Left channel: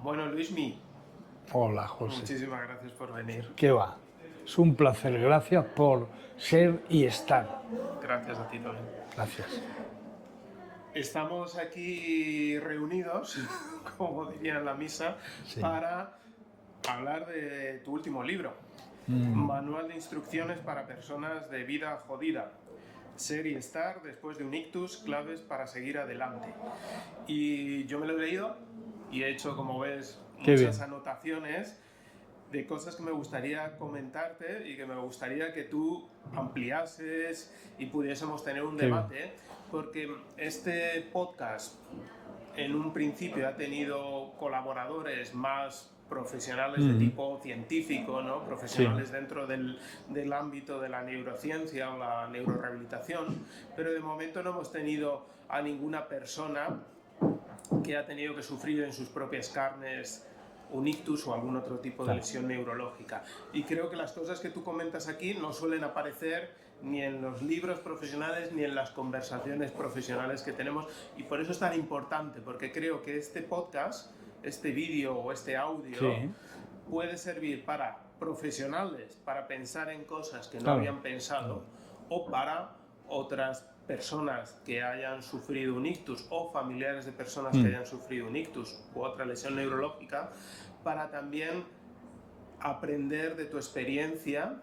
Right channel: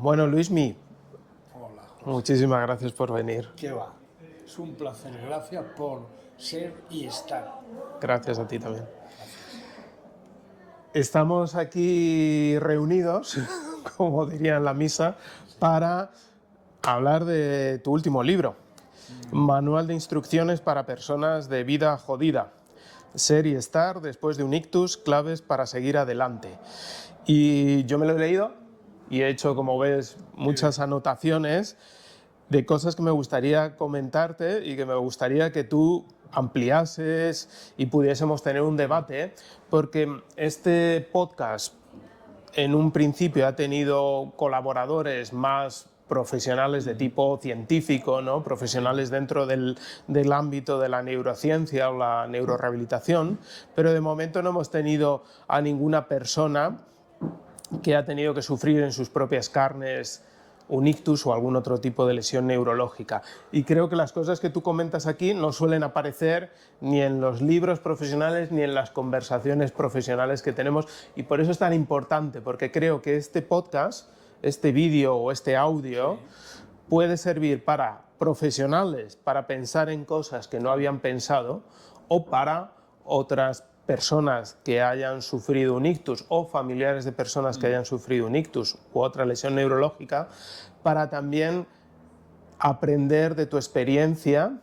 Bueno, Luismi, Hola, José. muchísimas gracias por venir. ¿Qué va? Es un placer. Gracias por ser y estar. Gracias a ti también. Gracias. Estamos aquí reunidos, como diría en la misa, para hablar de tu último libro, Manual de instrucciones para personas de vida jodida. Ser y estar después de un ictus, claves para seguir adelante. Y yo me lo he leído y he hecho, como ves, muchas bien. anotaciones de cosas que me gustaría comentarte y que me gustaría que tú ampliases y pudiésemos tener un debate, porque este podcast en un principio ha tenido colaboradores más profesionales de tipo científico, ¿no? Profesionales dentro del ámbito de la neurociencia o la neurorehabilitación, pero de momento no hemos tenido a ninguna persona que ha tenido que sufrir en sus propias carnes un ictus o algún otro tipo de lesión neurológica. Y creo que las cosas que tú comentas aquí no suelen aparecer ni en los libros profesionales ni en las conversaciones profesionales que tenemos, y por eso es tan importante, porque creo que este podcast, este vídeo o este audio puede servir para profesionales, para pensar en cosas que no habían pensado, o para otras personas que hayan sufrido un ictus o familiares de personas que hayan sufrido un ictus u otra lesión neurológica, para también aprender de tu experiencia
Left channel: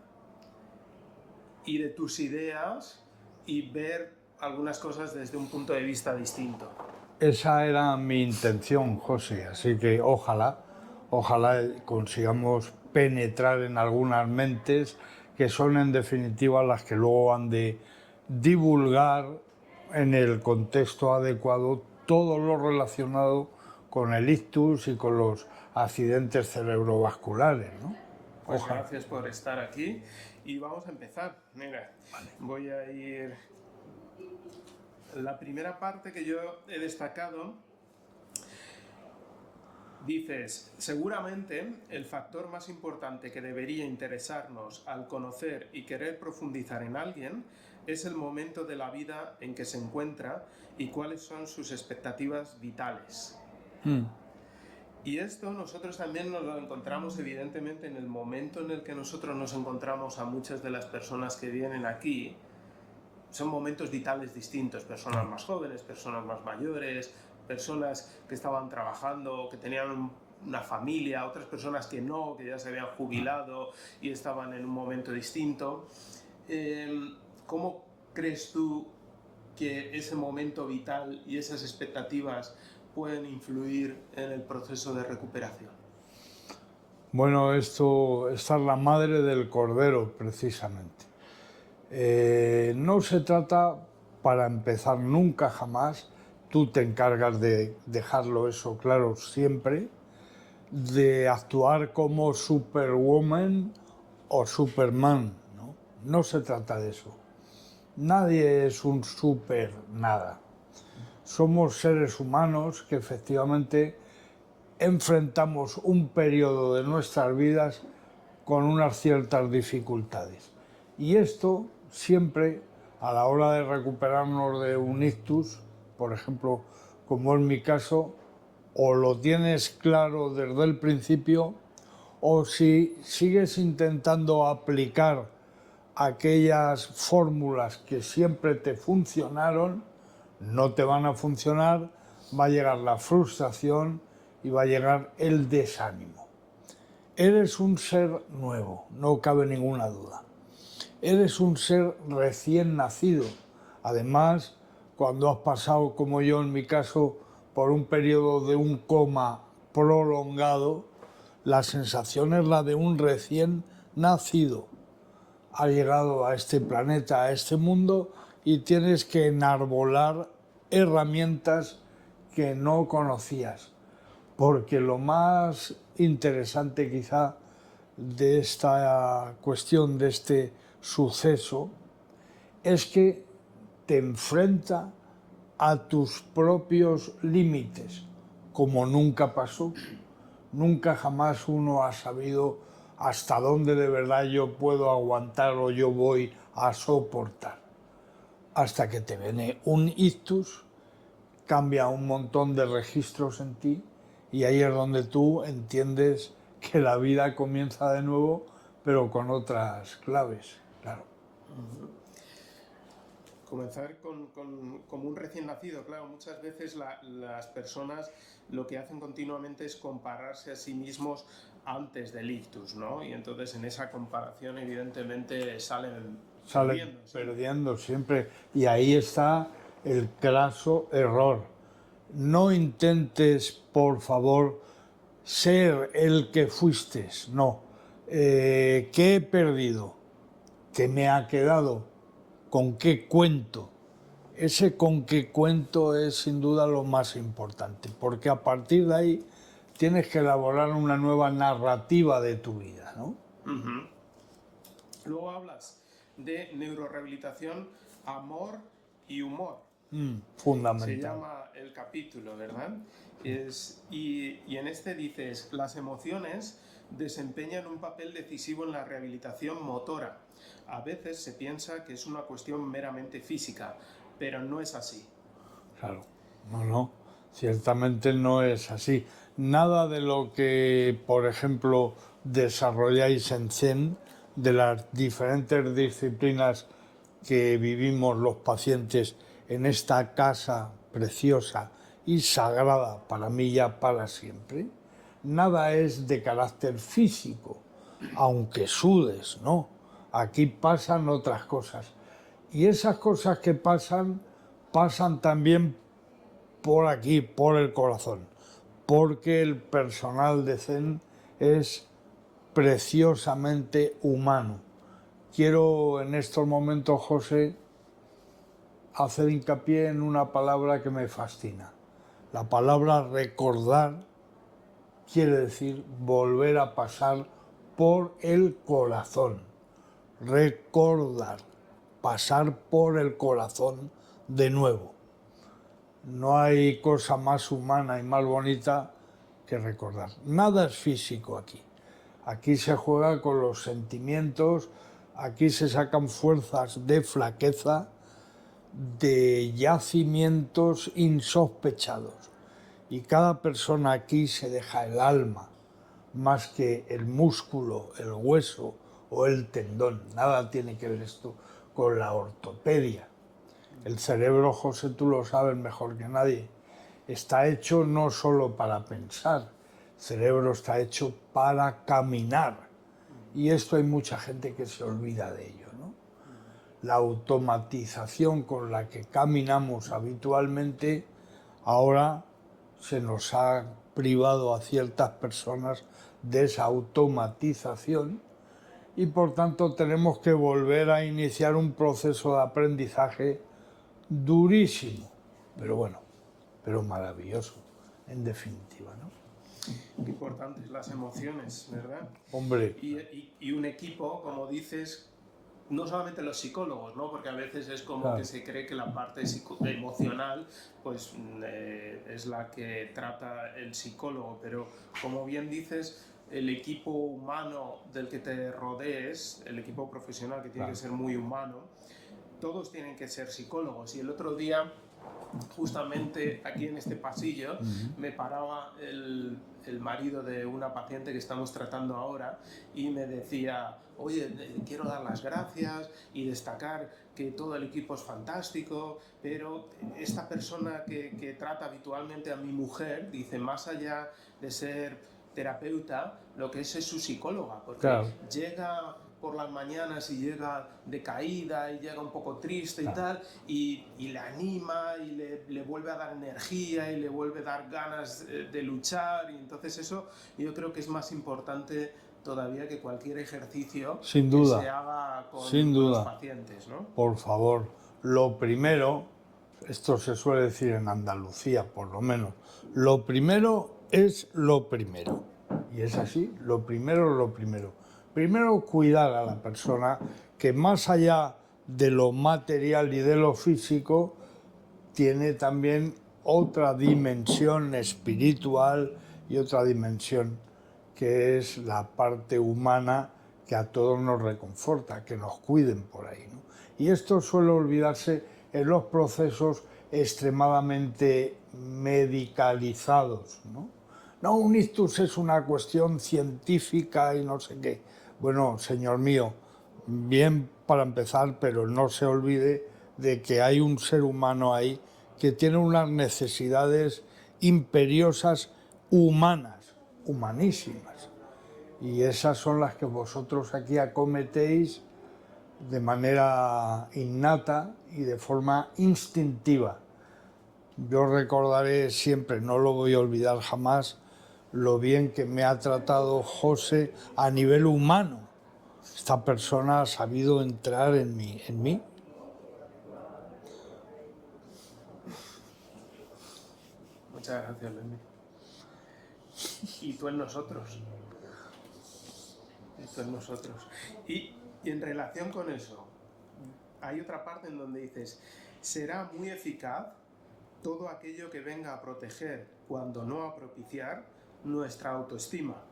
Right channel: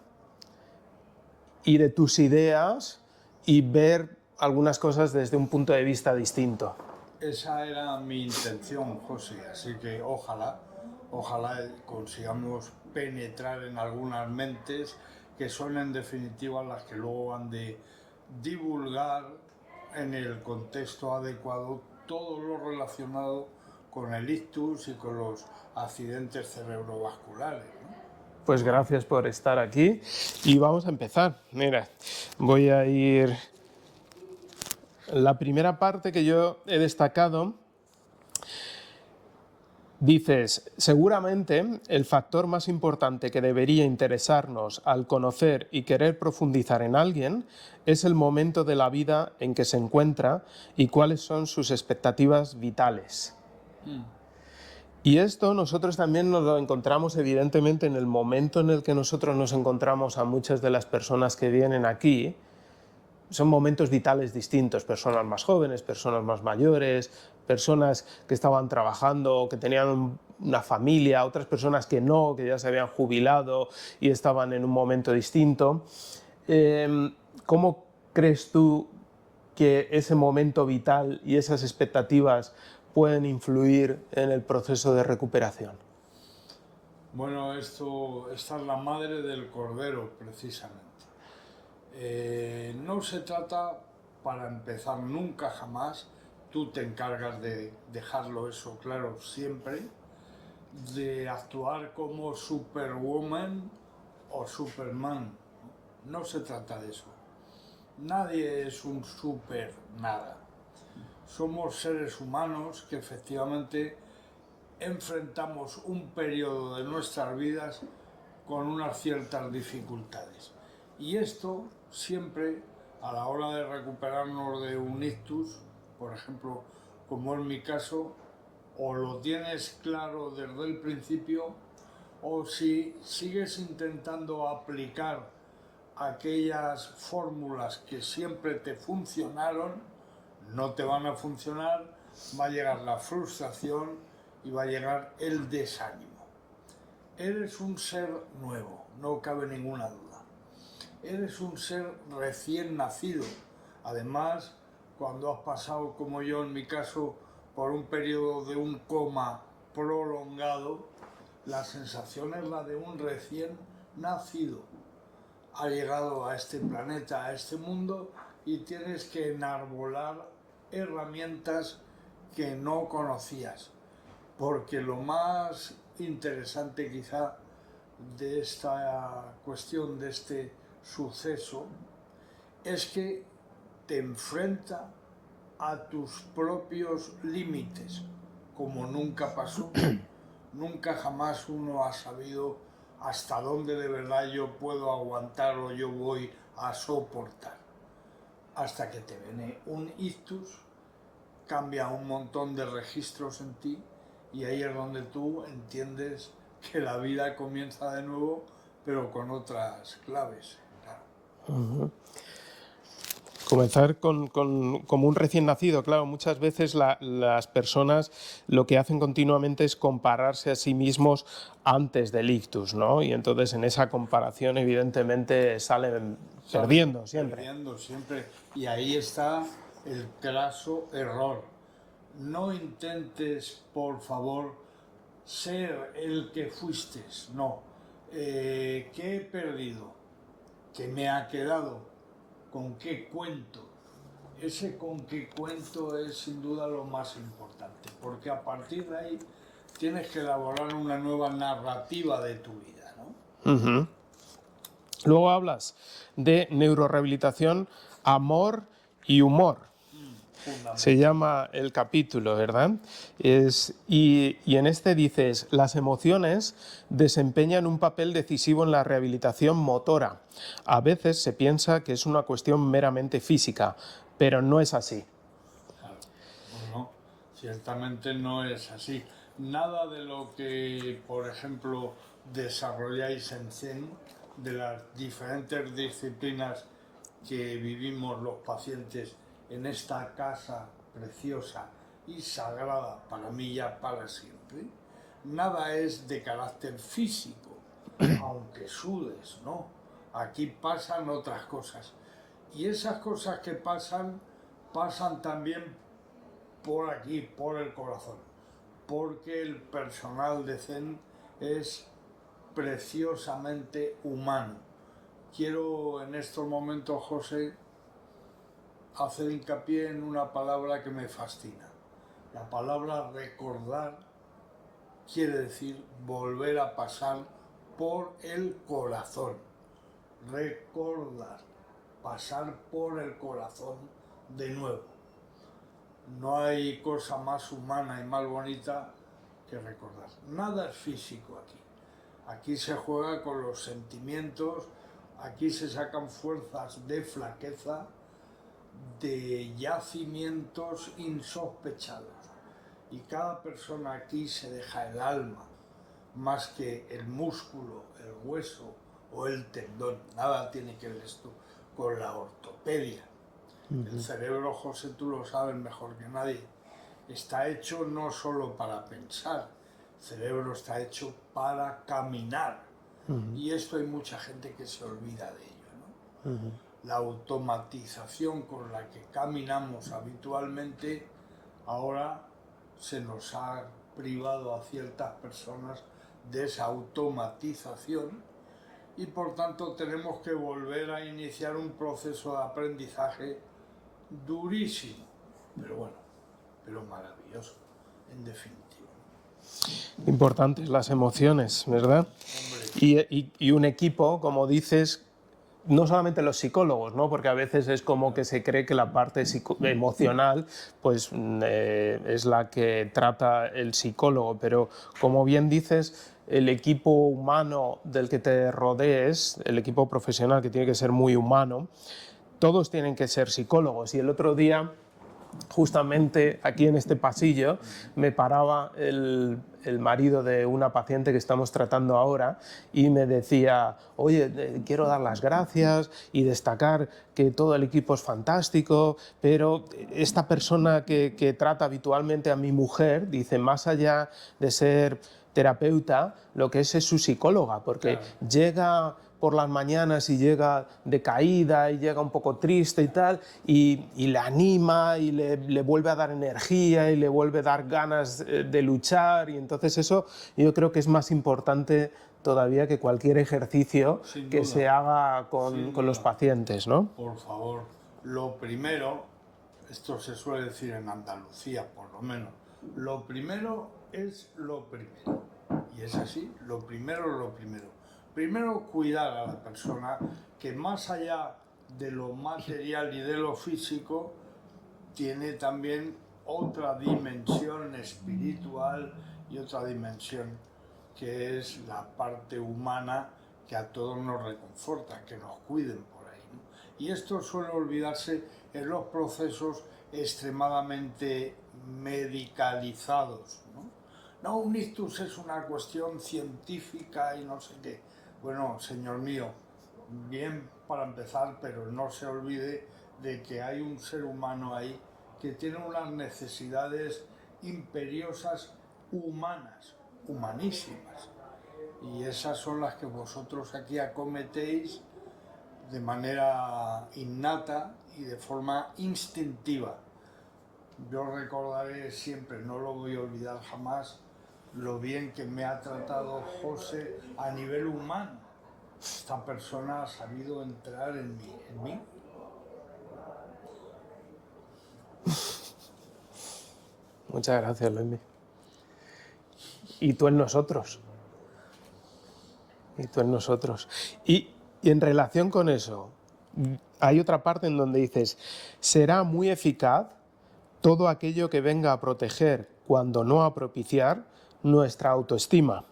y de tus ideas y ver algunas cosas desde un punto de vista distinto. Esa era mi intención, José. Así que ojalá consigamos penetrar en algunas mentes que son en definitiva las que luego han de divulgar en el contexto adecuado todo lo relacionado con el ictus y con los accidentes cerebrovasculares, ¿no? Pues gracias por estar aquí y vamos a empezar. Mira, voy a ir... La primera parte que yo he destacado, dices, seguramente el factor más importante que debería interesarnos al conocer y querer profundizar en alguien es el momento de la vida en que se encuentra y cuáles son sus expectativas vitales. Y esto nosotros también nos lo encontramos evidentemente en el momento en el que nosotros nos encontramos a muchas de las personas que vienen aquí. Son momentos vitales distintos, personas más jóvenes, personas más mayores, personas que estaban trabajando, que tenían una familia, otras personas que no, que ya se habían jubilado y estaban en un momento distinto. ¿Cómo crees tú que ese momento vital y esas expectativas pueden influir en el proceso de recuperación? Bueno, esta es la madre del cordero, precisamente. No se trata, para empezar, nunca jamás, tú te encargas de dejarlo eso claro siempre, de actuar como Superwoman o Superman, ¿no? No se trata de eso. Nadie es un super nada. Somos seres humanos que efectivamente enfrentamos un periodo de nuestras vidas con unas ciertas dificultades. Y esto siempre, a la hora de recuperarnos de un ictus, por ejemplo, como en mi caso, o lo tienes claro desde el principio, o si sigues intentando aplicar aquellas fórmulas que siempre te funcionaron, no te van a funcionar, va a llegar la frustración y va a llegar el desánimo. Eres un ser nuevo, no cabe ninguna duda. Eres un ser recién nacido. Además, cuando has pasado, como yo en mi caso, por un periodo de un coma prolongado, la sensación es la de un recién nacido. Has llegado a este planeta, a este mundo, y tienes que enarbolar herramientas que no conocías. Porque lo más interesante quizá de esta cuestión, de este suceso, es que te enfrenta a tus propios límites, como nunca pasó. Nunca jamás uno ha sabido hasta dónde de verdad yo puedo aguantar o yo voy a soportar. Hasta que te viene un ictus, cambia un montón de registros en ti Y ahí es donde tú entiendes que la vida comienza de nuevo, pero con otras claves, claro. Comenzar como un recién nacido, claro, muchas veces las personas lo que hacen continuamente es compararse a sí mismos antes del ictus, ¿no? Y entonces en esa comparación evidentemente salen perdiendo siempre. Perdiendo siempre. Y ahí está el craso error. No intentes, por favor, ser el que fuiste. No. ¿Qué he perdido? ¿Qué me ha quedado? ¿Con qué cuento? Ese con qué cuento es sin duda lo más importante, porque a partir de ahí tienes que elaborar una nueva narrativa de tu vida, ¿no? Ujú. Luego hablas de neurorehabilitación, amor y humor. Fundamental. Se llama el capítulo, ¿verdad? Y en este dices, las emociones desempeñan un papel decisivo en la rehabilitación motora. A veces se piensa que es una cuestión meramente física, pero no es así. Claro, no, ciertamente no es así. Nada de lo que, por ejemplo, desarrolláis en Zen, de las diferentes disciplinas que vivimos los pacientes en esta casa preciosa y sagrada para mí ya para siempre, nada es de carácter físico, aunque sudes, ¿no? Aquí pasan otras cosas. Y esas cosas que pasan, pasan también por aquí, por el corazón, porque el personal de Zen es preciosamente humano. Quiero en estos momentos, José, hacer hincapié en una palabra que me fascina. La palabra recordar quiere decir volver a pasar por el corazón. Recordar, pasar por el corazón de nuevo. No hay cosa más humana y más bonita que recordar. Nada es físico aquí. Aquí se juega con los sentimientos, aquí se sacan fuerzas de flaqueza, de yacimientos insospechados. Y cada persona aquí se deja el alma, más que el músculo, el hueso o el tendón. Nada tiene que ver esto con la ortopedia. El cerebro, José, tú lo sabes mejor que nadie, está hecho no solo para pensar, el cerebro está hecho para caminar. Y esto hay mucha gente que se olvida de ello, ¿no? La automatización con la que caminamos habitualmente ahora se nos ha privado a ciertas personas de esa automatización y por tanto tenemos que volver a iniciar un proceso de aprendizaje durísimo, pero bueno, pero maravilloso, en definitiva, ¿no? Importantes las emociones, ¿verdad? Hombre, Y un equipo, como dices, no solamente los psicólogos, ¿no? Porque a veces es como que se cree que la parte emocional pues, es la que trata el psicólogo, pero como bien dices, el equipo humano del que te rodees, el equipo profesional que tiene que ser muy humano, todos tienen que ser psicólogos. Y el otro día, justamente aquí en este pasillo, me paraba el marido de una paciente que estamos tratando ahora y me decía, oye, quiero dar las gracias y destacar que todo el equipo es fantástico, pero esta persona que trata habitualmente a mi mujer, dice, más allá de ser terapeuta, lo que es su psicóloga, porque claro, llega por las mañanas y llega decaída y llega un poco triste y tal, y le anima y le vuelve a dar energía y le vuelve a dar ganas de luchar, y entonces eso yo creo que es más importante todavía que cualquier ejercicio sin que duda, se haga sin con los duda. pacientes, ¿no? Por favor, lo primero, esto se suele decir en Andalucía por lo menos, lo primero es lo primero. Y es así, lo primero es lo primero. Primero cuidar a la persona que más allá de lo material y de lo físico, tiene también otra dimensión espiritual y otra dimensión que es la parte humana que a todos nos reconforta, que nos cuiden por ahí, ¿no? Y esto suele olvidarse en los procesos extremadamente medicalizados, ¿no? no, un ictus es una cuestión científica y no sé qué. Bueno, señor mío, bien para empezar, pero no se olvide de que hay un ser humano ahí que tiene unas necesidades imperiosas humanas, humanísimas. Y esas son las que vosotros aquí acometéis de manera innata y de forma instintiva. Yo recordaré siempre, no lo voy a olvidar jamás, lo bien que me ha tratado José a nivel humano. Esta persona ha sabido entrar en mí. Muchas gracias, Luis. Y tú en nosotros. Y tú en nosotros. Y en relación con eso, hay otra parte en donde dices, será muy eficaz todo aquello que venga a proteger, cuando no a propiciar, nuestra autoestima.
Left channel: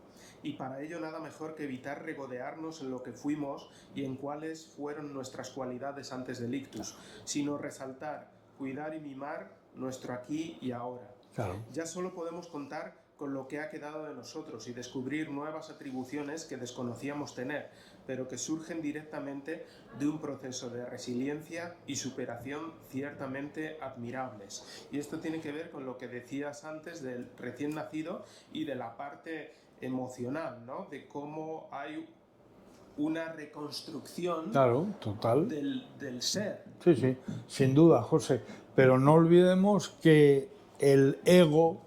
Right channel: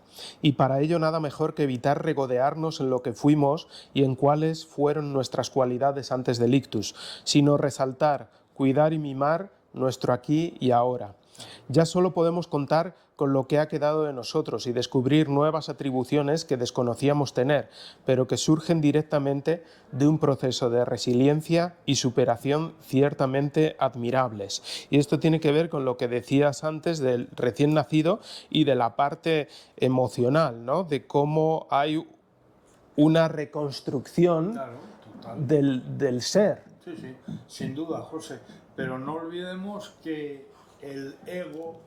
Y para ello nada mejor que evitar regodearnos en lo que fuimos y en cuáles fueron nuestras cualidades antes del ictus, sino resaltar, cuidar y mimar nuestro aquí y ahora. Claro. Ya solo podemos contar con lo que ha quedado de nosotros y descubrir nuevas atribuciones que desconocíamos tener, pero que surgen directamente de un proceso de resiliencia y superación ciertamente admirables. Y esto tiene que ver con lo que decías antes del recién nacido y de la parte emocional, ¿no? De cómo hay una reconstrucción, Claro, total. del ser. Sí, sí, sin duda, José. Pero no olvidemos que el ego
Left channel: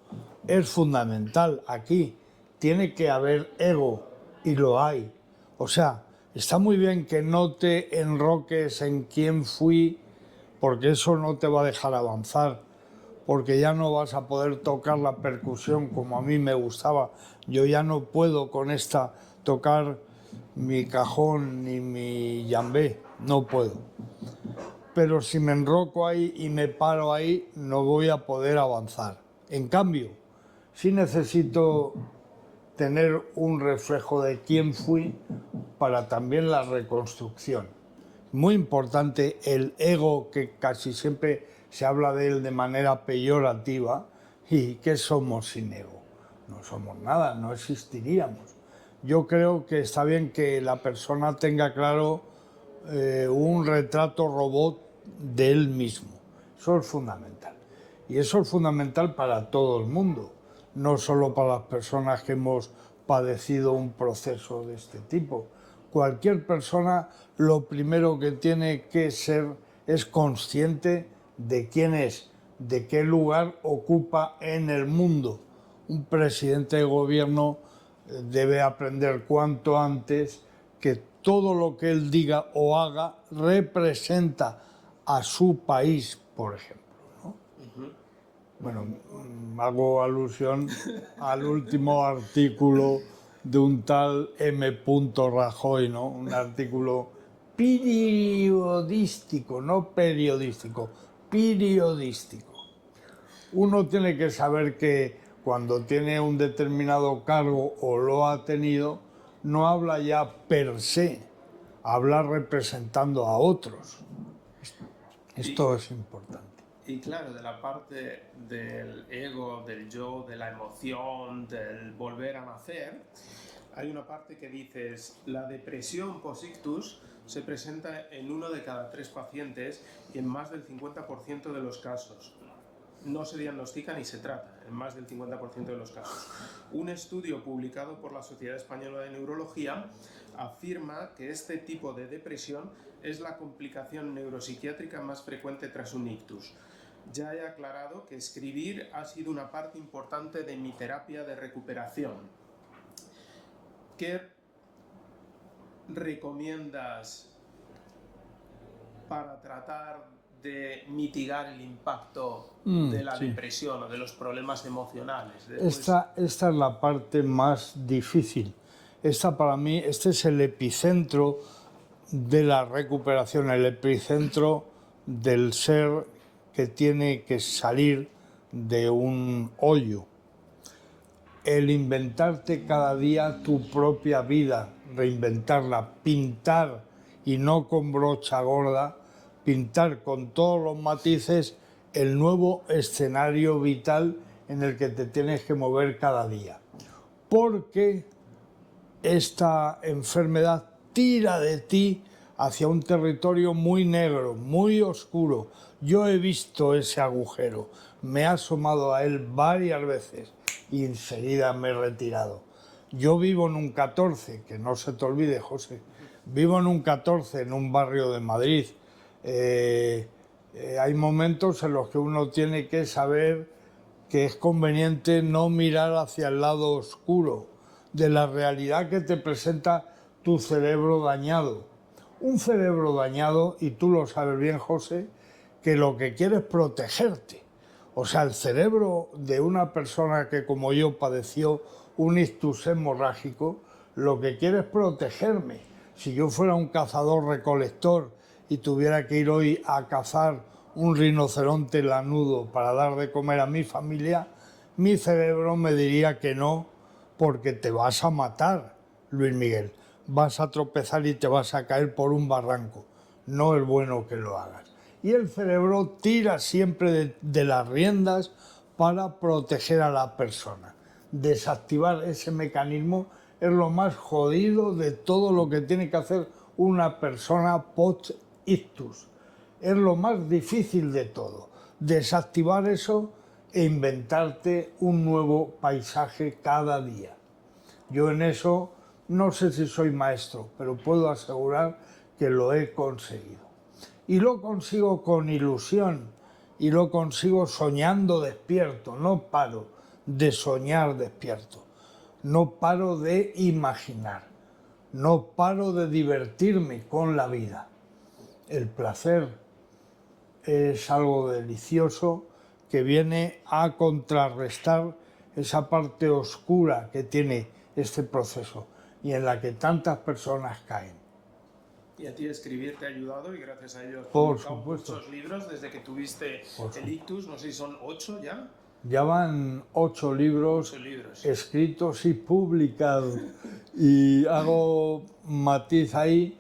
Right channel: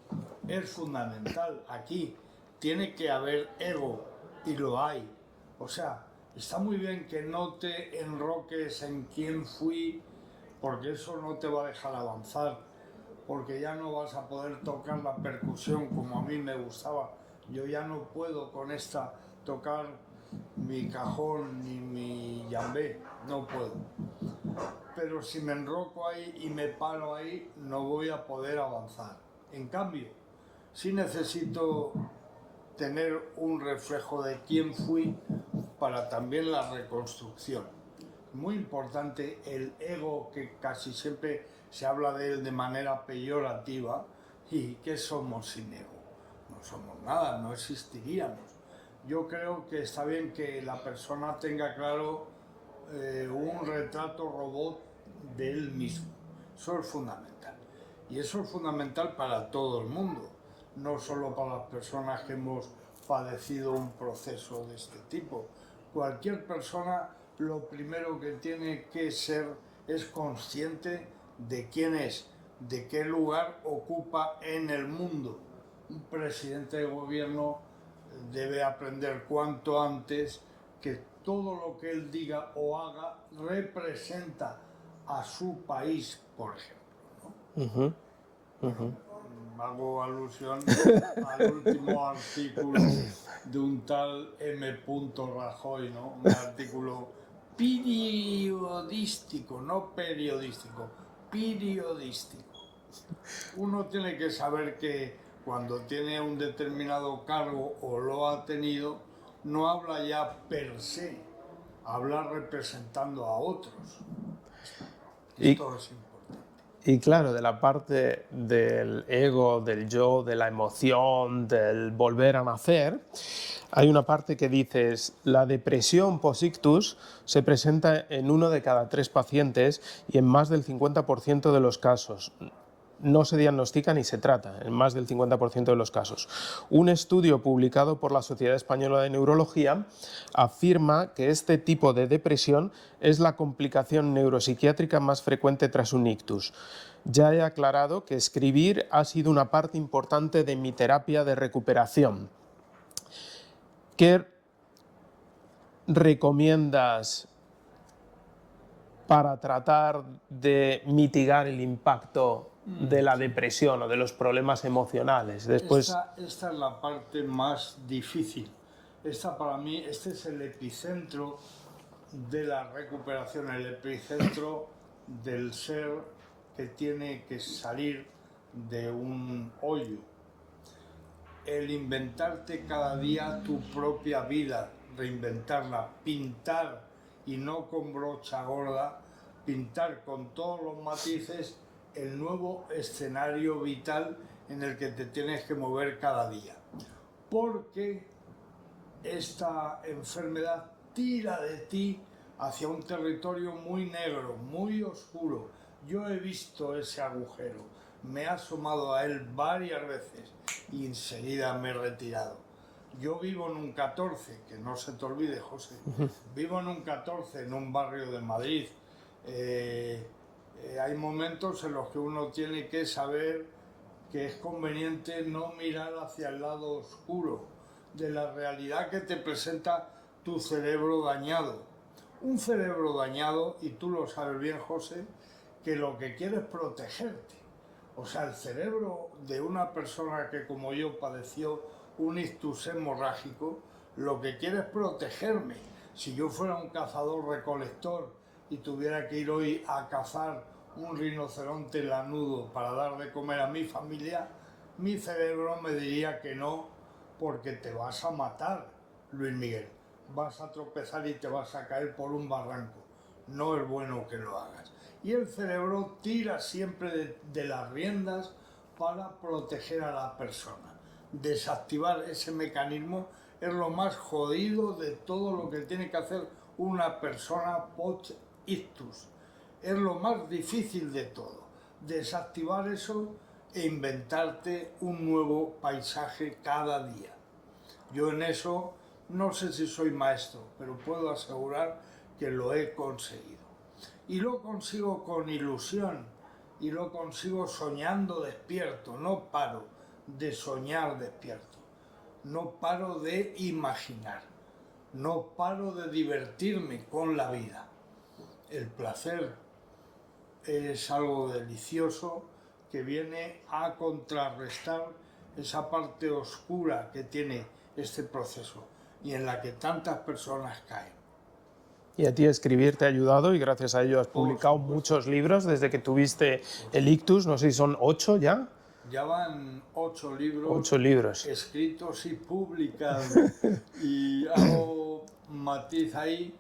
es fundamental aquí. Tiene que haber ego y lo hay. O sea, está muy bien que no te enroques en quién fui, porque eso no te va a dejar avanzar, porque ya no vas a poder tocar la percusión como a mí me gustaba. Yo ya no puedo con esta tocar mi cajón ni mi yambé, no puedo. Pero si me enroco ahí y me paro ahí, no voy a poder avanzar. En cambio, sí necesito tener un reflejo de quién fui para también la reconstrucción. Muy importante el ego, que casi siempre se habla de él de manera peyorativa. ¿Y qué somos sin ego? No somos nada, no existiríamos. Yo creo que está bien que la persona tenga claro un retrato robot de él mismo. Eso es fundamental. Y eso es fundamental para todo el mundo, no solo para las personas que hemos padecido un proceso de este tipo. Cualquier persona lo primero que tiene que ser es consciente de quién es, de qué lugar ocupa en el mundo. Un presidente de gobierno debe aprender cuanto antes que todo lo que él diga o haga representa a su país, por ejemplo, ¿no? Bueno, hago alusión al último artículo de un tal M. Rajoy, ¿no? Un artículo periodístico, no periodístico, periodístico. Uno tiene que saber que cuando tiene un determinado cargo o lo ha tenido, no habla ya per se, habla representando a otros. Esto es importante. Y claro, de la parte del ego, del yo, de la emoción, del volver a nacer, hay una parte que dices, la depresión post-ictus se presenta en 1 de cada 3 pacientes y en más del 50% de los casos. No se diagnostica ni se trata, en más del 50% de los casos. Un estudio publicado por la Sociedad Española de Neurología afirma que este tipo de depresión es la complicación neuropsiquiátrica más frecuente tras un ictus. Ya he aclarado que escribir ha sido una parte importante de mi terapia de recuperación. ¿Qué recomiendas para tratar de mitigar el impacto de la depresión o de los problemas emocionales? Después... Esta es la parte más difícil. Para mí, este es el epicentro de la recuperación, el epicentro del ser que tiene que salir de un hoyo. El inventarte cada día tu propia vida, reinventarla, pintar y no con brocha gorda, pintar con todos los matices el nuevo escenario vital en el que te tienes que mover cada día. Porque esta enfermedad tira de ti hacia un territorio muy negro, muy oscuro. Yo he visto ese agujero, me he asomado a él varias veces y enseguida me he retirado. Yo vivo en un 14, que no se te olvide, José, vivo en un 14, en un barrio de Madrid. Hay momentos en los que uno tiene que saber que es conveniente no mirar hacia el lado oscuro de la realidad que te presenta tu cerebro dañado. Un cerebro dañado, y tú lo sabes bien, José, que lo que quiere es protegerte. O sea, el cerebro de una persona que como yo padeció un ictus hemorrágico, lo que quiere es protegerme. Si yo fuera un cazador-recolector y tuviera que ir hoy a cazar un rinoceronte lanudo para dar de comer a mi familia, mi cerebro me diría que no, porque te vas a matar, Luis Miguel. Vas a tropezar y te vas a caer por un barranco. No es bueno que lo hagas. Y el cerebro tira siempre de las riendas para proteger a la persona. Desactivar ese mecanismo es lo más jodido de todo lo que tiene que hacer una persona post-ictus. Es lo más difícil de todo. Desactivar eso e inventarte un nuevo paisaje cada día. Yo en eso no sé si soy maestro, pero puedo asegurar que lo he conseguido. Y lo consigo con ilusión, y lo consigo soñando despierto. No paro de soñar despierto, no paro de imaginar, no paro de divertirme con la vida. El placer es algo delicioso que viene a contrarrestar esa parte oscura que tiene este proceso y en la que tantas personas caen. Y a ti escribir te ha ayudado y gracias a ello has publicado muchos libros desde que tuviste el ictus, no sé si son 8 ya. Ya van 8 libros, 8 libros escritos y publicados. Y hago matiz ahí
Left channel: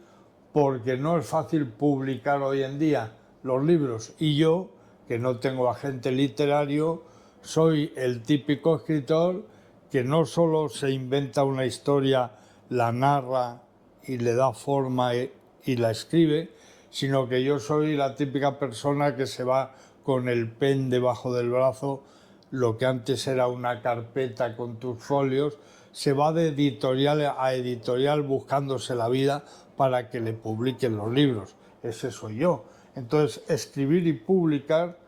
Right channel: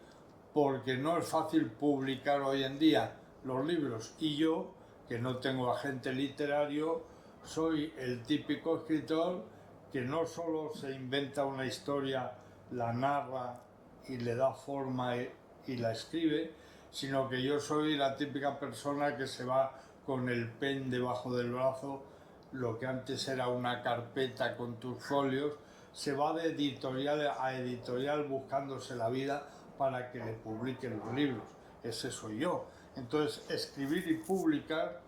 porque no es fácil publicar hoy en día los libros. Y yo, que no tengo agente literario, soy el típico escritor que no solo se inventa una historia, la narra y le da forma y la escribe, sino que yo soy la típica persona que se va con el pen debajo del brazo, lo que antes era una carpeta con tus folios, se va de editorial a editorial buscándose la vida para que le publiquen los libros. Ese soy yo. Entonces, escribir y publicar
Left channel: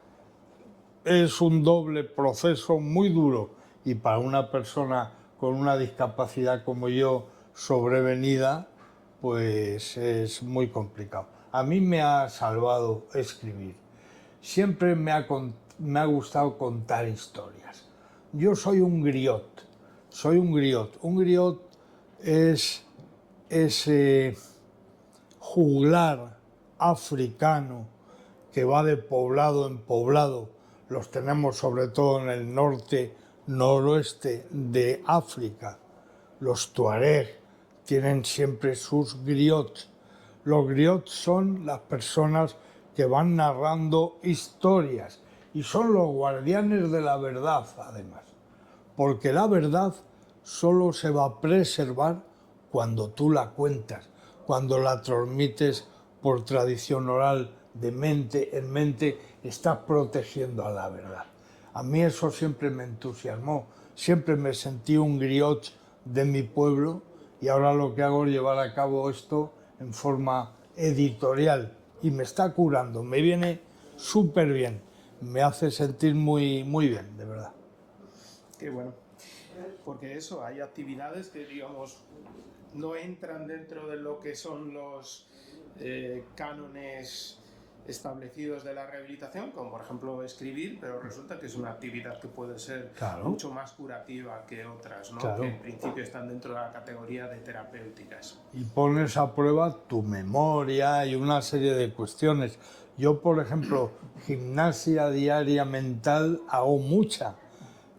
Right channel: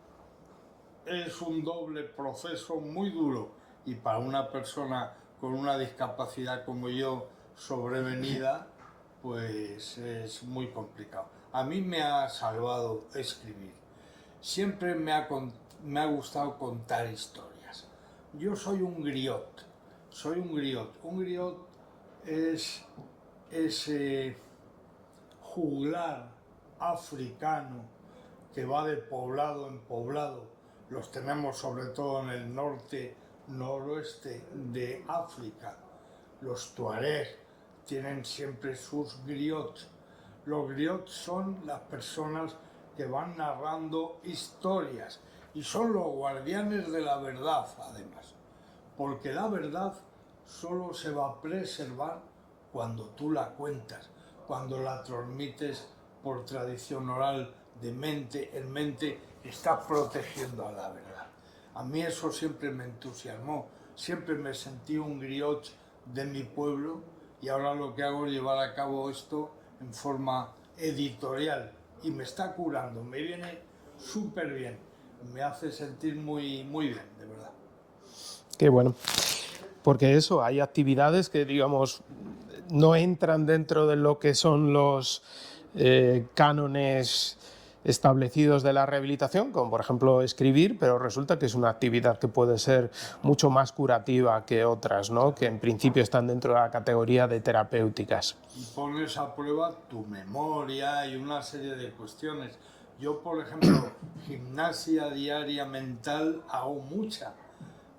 es un doble proceso muy duro y para una persona con una discapacidad como yo sobrevenida, pues es muy complicado. A mí me ha salvado escribir. Siempre me ha gustado contar historias. Yo soy un griot, soy un griot. Un griot es ese juglar africano que va de poblado en poblado. Los tenemos sobre todo en el norte, noroeste de África. Los tuareg tienen siempre sus griots. Los griots son las personas que van narrando historias y son los guardianes de la verdad, además. Porque la verdad solo se va a preservar cuando tú la cuentas, cuando la transmites por tradición oral, de mente en mente, estás protegiendo a la verdad. A mí eso siempre me entusiasmó, siempre me sentí un griot de mi pueblo y ahora lo que hago es llevar a cabo esto en forma editorial y me está curando, me viene súper bien, me hace sentir muy, muy bien, de verdad. Qué bueno, porque eso, hay actividades que, digamos, no entran dentro de lo que son los cánones establecidos de la rehabilitación, como por ejemplo escribir, pero resulta que es una actividad que puede ser mucho más curativa que otras, ¿no? Que en principio están dentro de la categoría de terapéuticas. Y pones a prueba tu memoria y una serie de cuestiones. Yo, por ejemplo, gimnasia diaria mental hago mucha.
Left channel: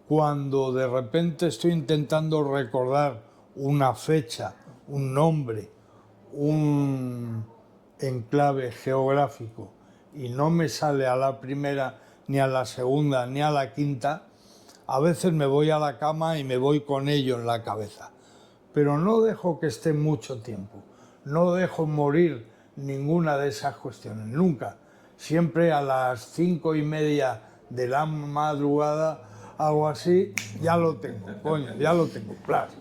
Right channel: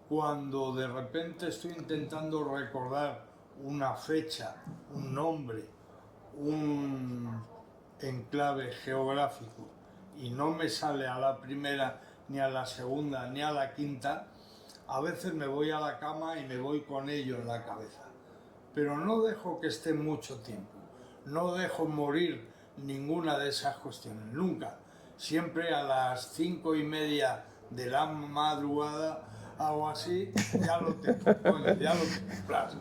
Cuando de repente estoy intentando recordar una fecha, un nombre, un enclave geográfico y no me sale a la primera, ni a la segunda, ni a la quinta, A veces me voy a la cama y me voy con ello en la cabeza, pero no dejo que esté mucho tiempo, no dejo morir ninguna de esas cuestiones, nunca. Siempre a las 5:30 de la madrugada, algo así, ya lo tengo, coño, ya lo tengo, plas.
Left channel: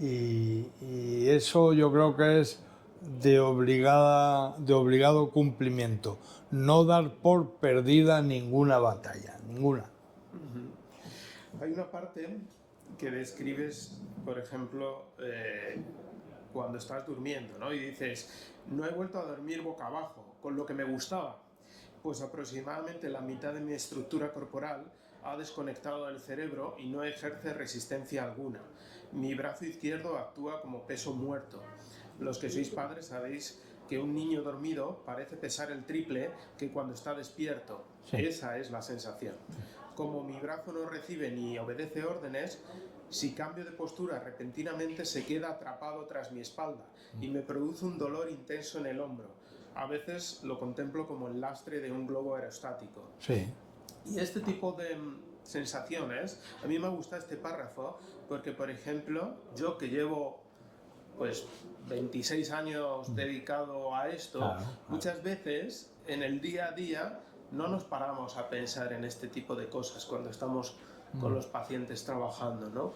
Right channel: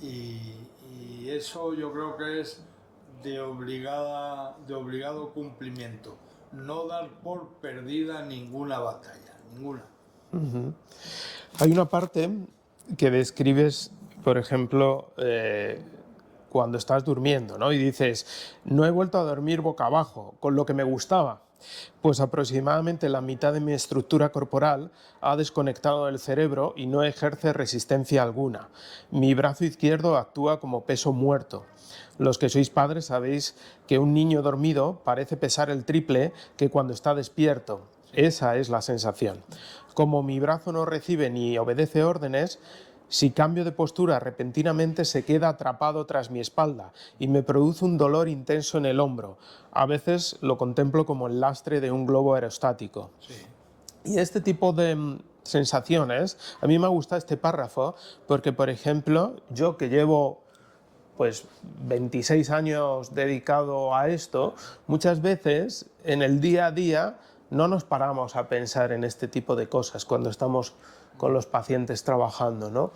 Y eso yo creo que es de obligado cumplimiento, no dar por perdida ninguna batalla, ninguna. Hay una parte que describes, por ejemplo, cuando estás durmiendo, ¿no? Y dices, no he vuelto a dormir boca abajo, con lo que me gustaba. Pues aproximadamente la mitad de mi estructura corporal ha desconectado del cerebro y no ejerce resistencia alguna. Mi brazo izquierdo actúa como peso muerto. Los que sois padres sabéis que un niño dormido parece pesar el triple que cuando está despierto. Sí. Esa es la sensación. Como mi brazo no recibe ni obedece órdenes, si cambio de postura repentinamente se queda atrapado tras mi espalda y me produce un dolor intenso en el hombro. A veces lo contemplo como el lastre de un globo aerostático. Sí. Y este tipo de sensaciones, a mí me gusta este párrafo porque, por ejemplo, yo que llevo pues 26 años dedicado a esto, muchas veces en el día a día no nos paramos a pensar en este tipo de cosas cuando estamos con los pacientes trabajando, ¿no?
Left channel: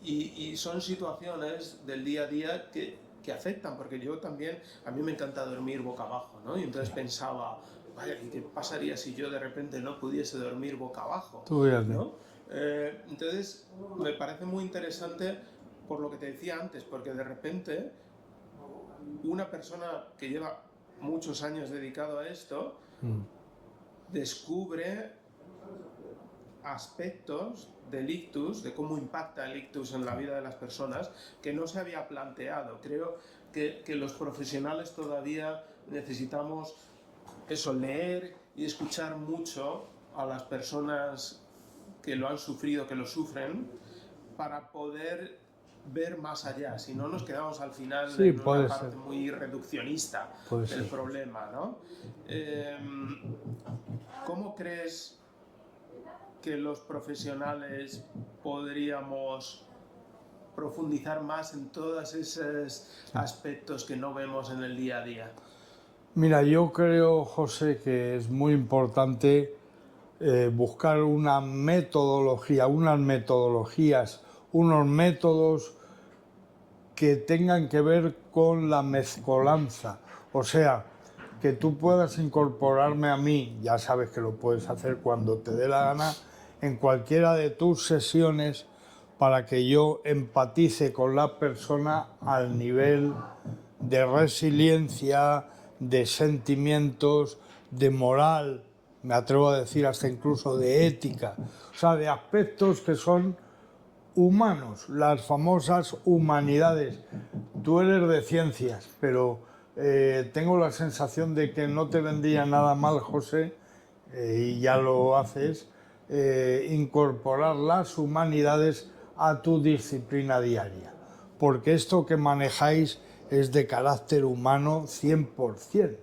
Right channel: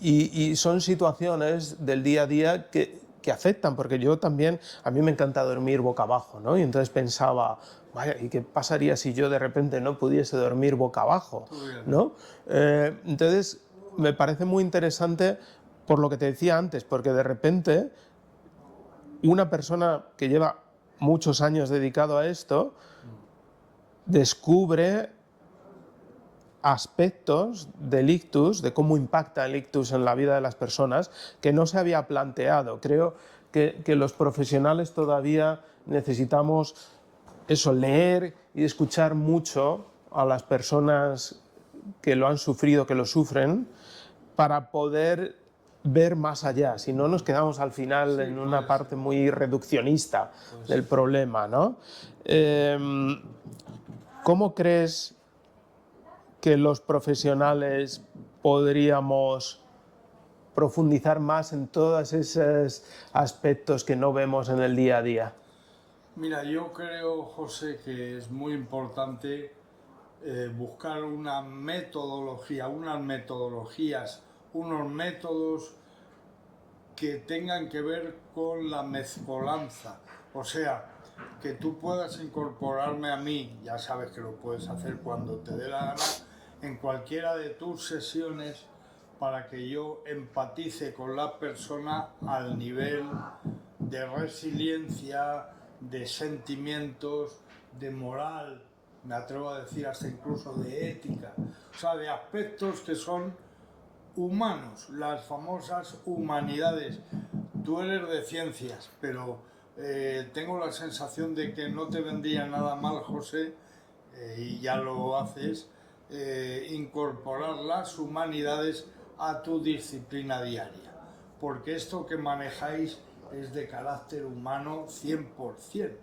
Y son situaciones del día a día que afectan, porque yo también, a mí me encanta dormir boca abajo, ¿no? Y entonces pensaba, vaya, ¿y qué pasaría si yo de repente no pudiese dormir boca abajo? ¿No? Entonces, me parece muy interesante por lo que te decía antes, porque de repente una persona que lleva muchos años dedicado a esto descubre aspectos del ictus, de cómo impacta el ictus en la vida de las personas, que no se había planteado. Creo que los profesionales todavía necesitamos eso, leer y escuchar mucho a las personas que lo han sufrido, que lo sufren, para poder ver más allá, si no nos quedamos al final en una parte muy reduccionista del problema, ¿no? ¿Cómo crees que los profesionales podríamos profundizar más en todos esos aspectos que no vemos en el día a día? Mira, yo creo, José, que es muy importante buscar una metodología, unas metodologías, unos métodos que tengan que ver con la mezcolanza. O sea, que tú puedas incorporarme a mí, ya sabes que lo puedes hacer cuando te dé la gana, en cualquiera de tus sesiones para que yo empatice con la persona al nivel de resiliencia, de sentimientos, de moral, me atrevo a decir hasta incluso de ética, o sea, de aspectos que son humanos, las famosas humanidades. Tú eres de ciencias, pero tengo la sensación de que no te vendría nada mal, José, y ya lo haces, incorporar las humanidades a tu disciplina diaria, porque esto que manejáis es de carácter humano 100%.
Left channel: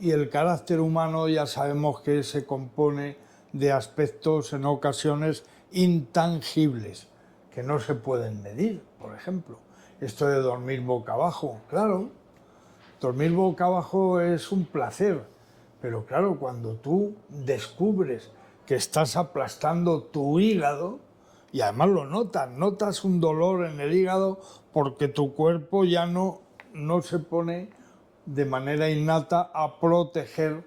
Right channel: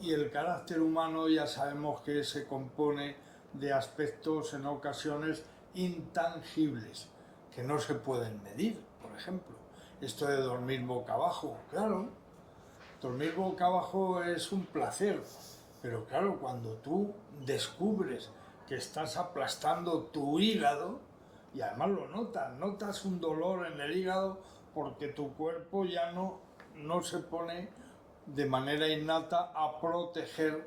Y el carácter humano ya sabemos que se compone de aspectos en ocasiones intangibles, que no se pueden medir, por ejemplo. Esto de dormir boca abajo, claro, dormir boca abajo es un placer, pero claro, cuando tú descubres que estás aplastando tu hígado, y además lo notas un dolor en el hígado porque tu cuerpo ya no se pone de manera innata a proteger.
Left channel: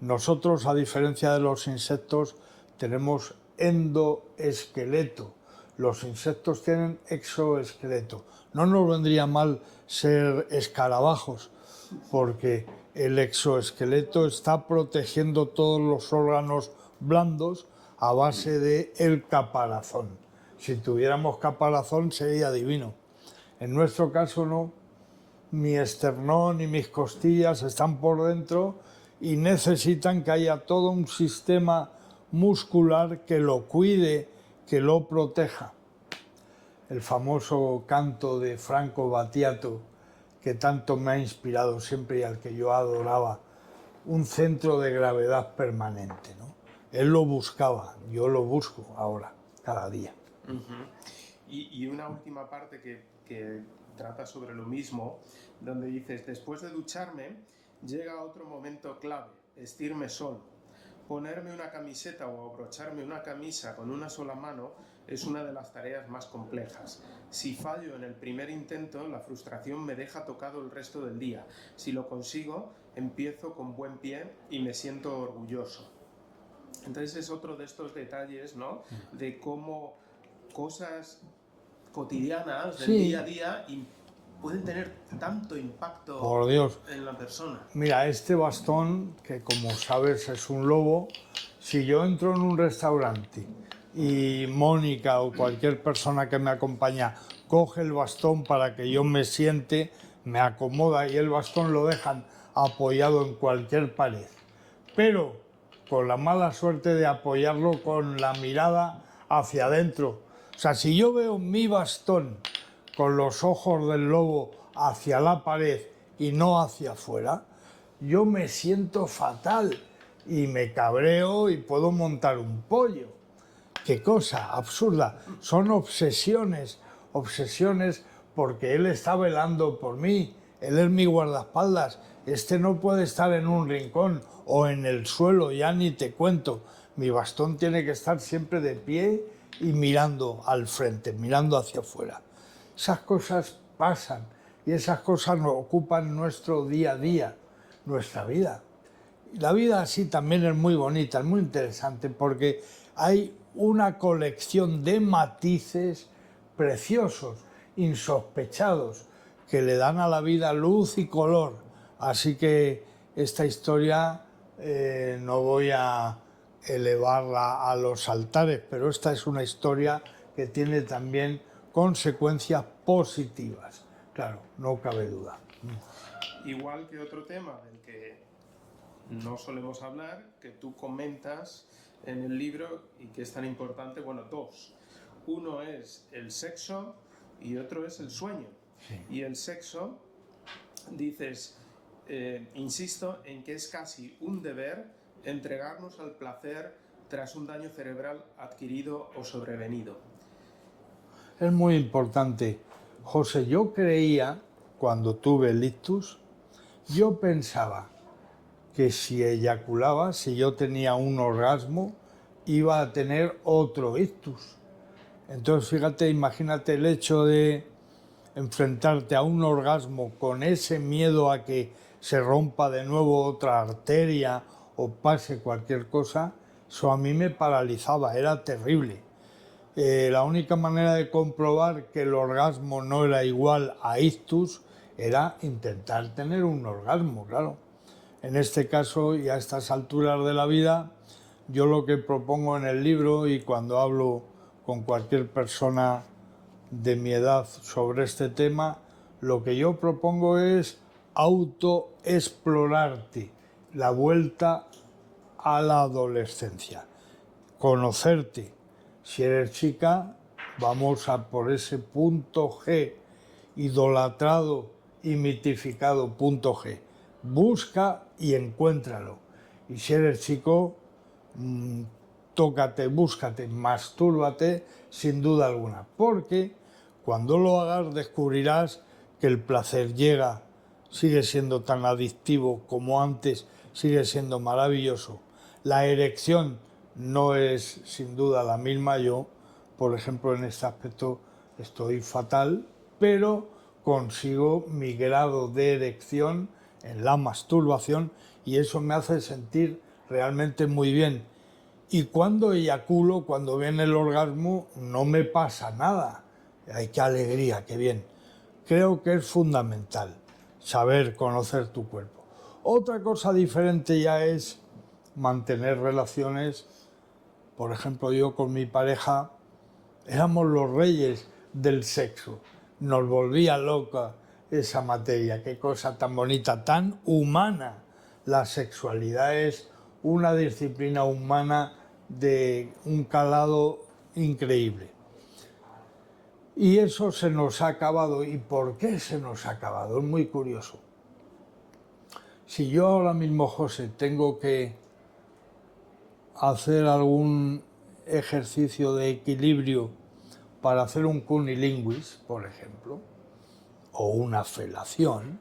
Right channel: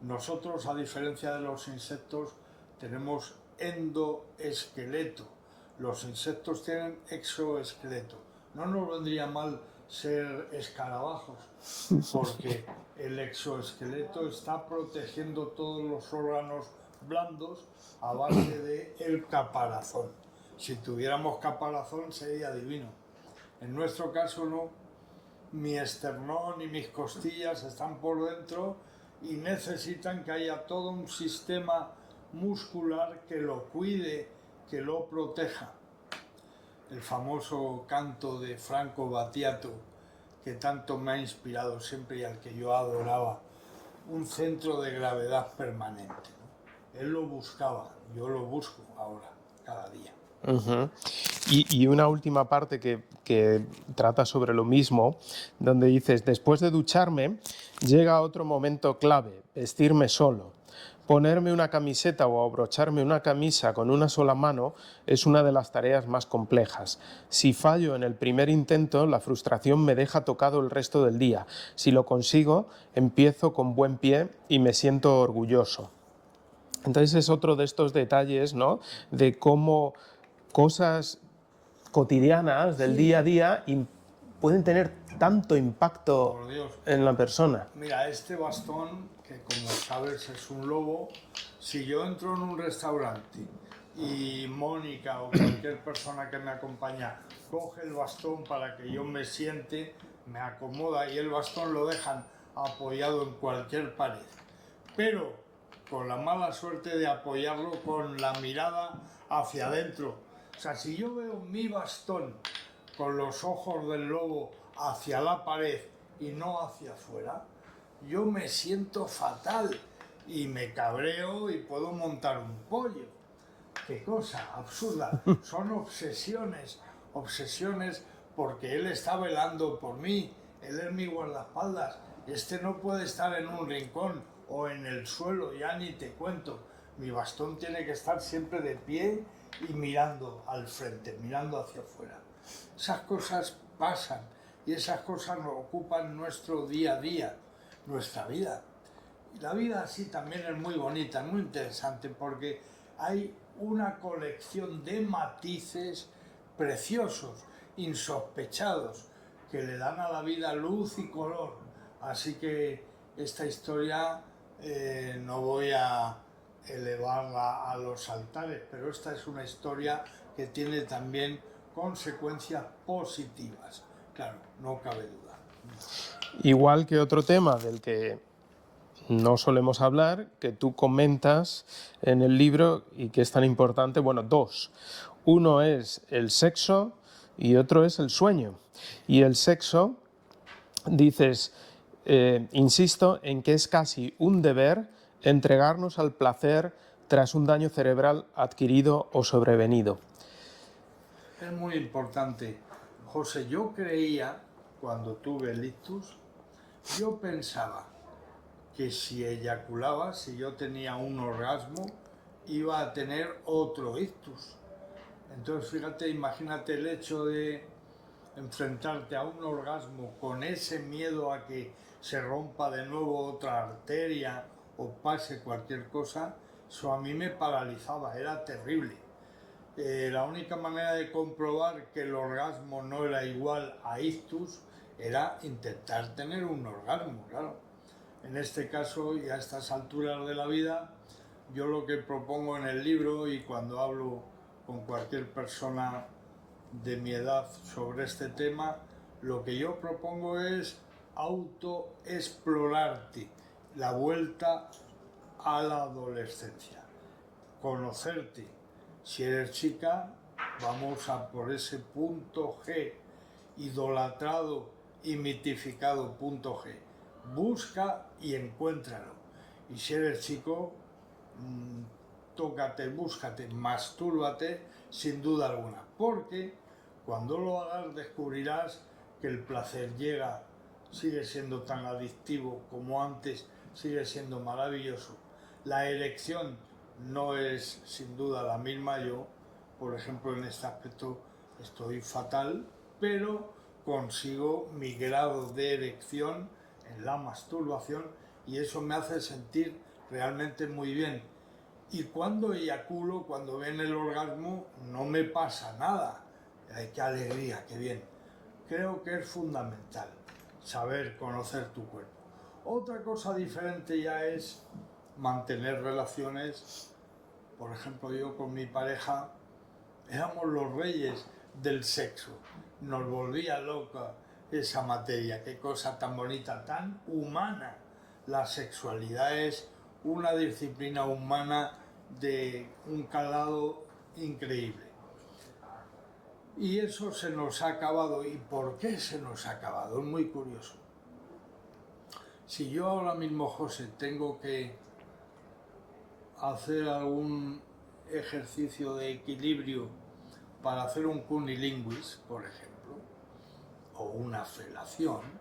Nosotros, a diferencia de los insectos, tenemos endoesqueleto. Los insectos tienen exoesqueleto. No nos vendría mal ser escarabajos, porque el exoesqueleto está protegiendo todos los órganos blandos a base del caparazón. Si tuviéramos caparazón sería divino. En nuestro caso no. Mi esternón y mis costillas están por dentro y necesitan que haya todo un sistema muscular que lo cuide, que lo proteja. El famoso canto de Franco Battiato, que tanto me ha inspirado siempre y al que yo adoraba, un centro de gravedad permanente, ¿no? Él lo buscaba, yo lo busco ahora, cada día. Ujú. Y una última parte que trata sobre lo mismo, donde dices, después de ducharme, llega otro momento clave, vestirme solo. Ponerme una camiseta o abrocharme una camisa con una sola mano es una de las tareas más complejas. Si fallo en el primer intento, la frustración me deja tocado el resto del día. Si lo consigo, empiezo con buen pie y me siento orgulloso. Entonces es otro de estos detalles, ¿no? De cómo cosas cotidianas del día a Sí, día pueden tener tanto impacto por Dios. en la persona. Mira, este bastón, que como sabes es un lobo, si yo entro en un restaurante y Mónica o cualquier persona que me acompaña coge el bastón para que yo me siente, me acomoda y el bastón lo dejan apoyado en cualquier pared. Pero con la mala suerte de apoyarlo con la mirada hacia adentro. O sea, si yo veo mi bastón con los ojos del lobo hacia la pared y no hacia afuera, yo me siento fatal y me cabreo y puedo montar un pollo. Qué cosa absurda. Son obsesiones, obsesiones porque él está velando por mí, él es mi guardaespaldas, este no puede estar en un rincón o en el suelo, ya ni te cuento. Mi bastón tiene que estar siempre de pie y mirando al frente, mirando hacia afuera. Esas cosas pasan y esas cosas nos ocupan nuestro día a día, nuestra vida. La vida así también es muy bonita, es muy interesante porque hay una colección de matices preciosos, insospechados, que le dan a la vida luz y color. Así que esta historia no voy a elevarla a los altares, pero esta es una historia que tiene también consecuencias positivas. Claro, no cabe duda. Igual que otro tema del que no solemos hablar, que tú comentas en el libro y que es tan importante, bueno, dos. Uno es el sexo y otro es el sueño. Y el sexo, dices, insisto en que es casi un deber entregarnos al placer tras un daño cerebral adquirido o sobrevenido. Es muy importante. José, yo creía, cuando tuve el ictus, yo pensaba que si eyaculaba, si yo tenía un orgasmo, iba a tener otro ictus. Entonces, fíjate, imagínate el hecho de enfrentarte a un orgasmo con ese miedo a que se rompa de nuevo otra arteria o pase cualquier cosa, eso a mí me paralizaba, era terrible. La única manera de comprobar que el orgasmo no era igual a ictus era intentar tener un orgasmo, claro. En este caso y a estas alturas de la vida, yo lo que propongo en el libro y cuando hablo con cualquier persona de mi edad sobre este tema, lo que yo propongo es autoexplorarte, la vuelta a la adolescencia, conocerte. Si eres chica, vamos a por ese punto G, idolatrado y mitificado punto G. Busca y encuéntralo. Y si eres chico, tócate, búscate, mastúrbate sin duda alguna. Porque cuando lo hagas descubrirás que el placer llega, sigue siendo tan adictivo como antes, sigue siendo maravilloso. La erección no es sin duda la misma. Yo, por ejemplo, en este aspecto estoy fatal, pero consigo mi grado de erección en la masturbación y eso me hace sentir realmente muy bien. Y cuando eyaculo, cuando viene el orgasmo, no me pasa nada. ¡Ay, qué alegría, qué bien! Creo que es fundamental saber conocer tu cuerpo. Otra cosa diferente ya es mantener relaciones. Por ejemplo, yo con mi pareja éramos los reyes del sexo. Nos volvía loca esa materia. Qué cosa tan bonita, tan humana. La sexualidad es una disciplina humana de un calado increíble. Y eso se nos ha acabado. ¿Y por qué se nos ha acabado? Es muy curioso. Si yo ahora mismo, José, tengo que hacer algún ejercicio de equilibrio para hacer un cunilinguis, por ejemplo, o una felación,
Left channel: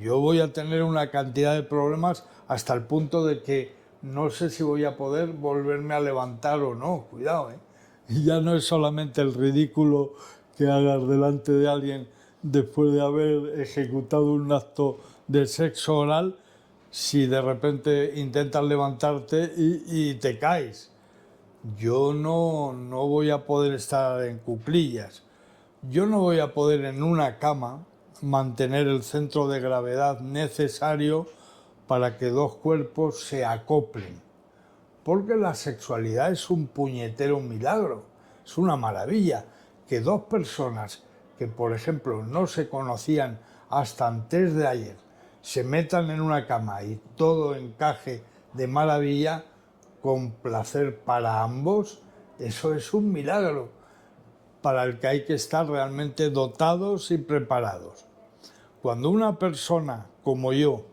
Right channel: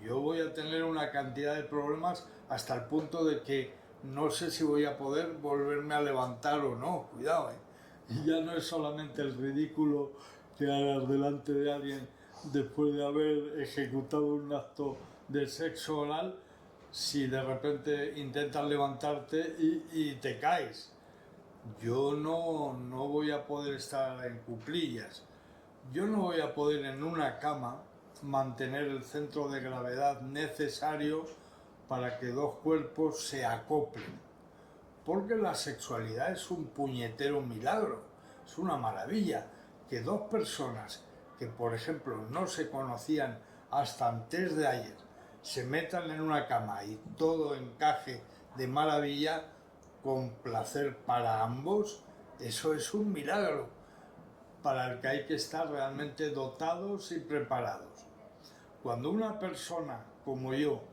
yo voy a tener una cantidad de problemas hasta el punto de que no sé si voy a poder volverme a levantar o no. Cuidado, ¿eh? Y ya no es solamente el ridículo que hagas delante de alguien después de haber ejecutado un acto de sexo oral, si de repente intentas levantarte y te caes. Yo no voy a poder estar en cuclillas. Yo no voy a poder en una cama mantener el centro de gravedad necesario para que dos cuerpos se acoplen. Porque la sexualidad es un puñetero milagro, es una maravilla. Que dos personas que, por ejemplo, no se conocían hasta antes de ayer, se metan en una cama y todo encaje de maravilla, con placer para ambos, eso es un milagro para el que hay que estar realmente dotados y preparados. Cuando una persona como yo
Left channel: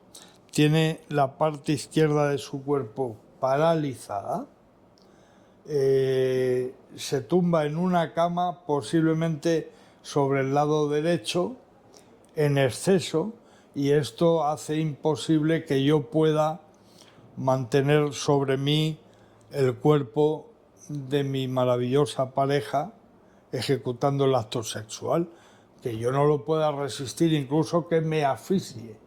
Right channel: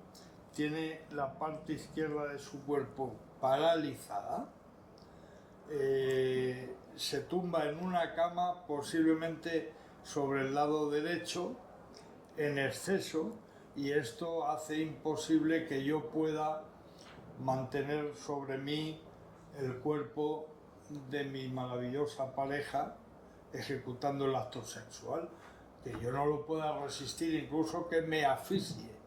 tiene la parte izquierda de su cuerpo paralizada, se tumba en una cama posiblemente sobre el lado derecho en exceso, y esto hace imposible que yo pueda mantener sobre mí el cuerpo de mi maravillosa pareja ejecutando el acto sexual, que yo no lo pueda resistir, incluso que me asfixie.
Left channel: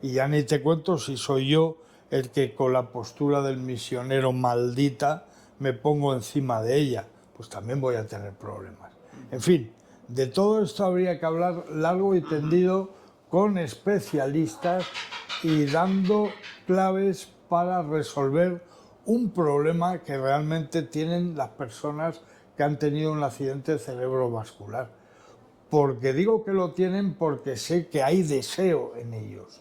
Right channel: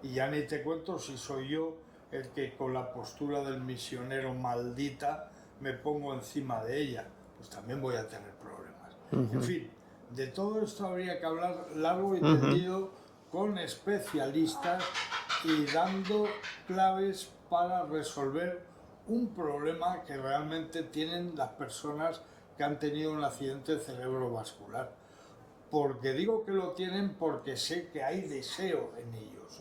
Y ya ni te cuento si soy yo el que con la postura del misionero maldita me pongo encima de ella, pues también voy a tener problemas. En fin, de todo esto habría que hablar largo y tendido con especialistas y dando claves para resolver un problema que realmente tienen las personas que han tenido un accidente cerebrovascular. Porque digo que lo tienen porque sé que hay deseo en ellos.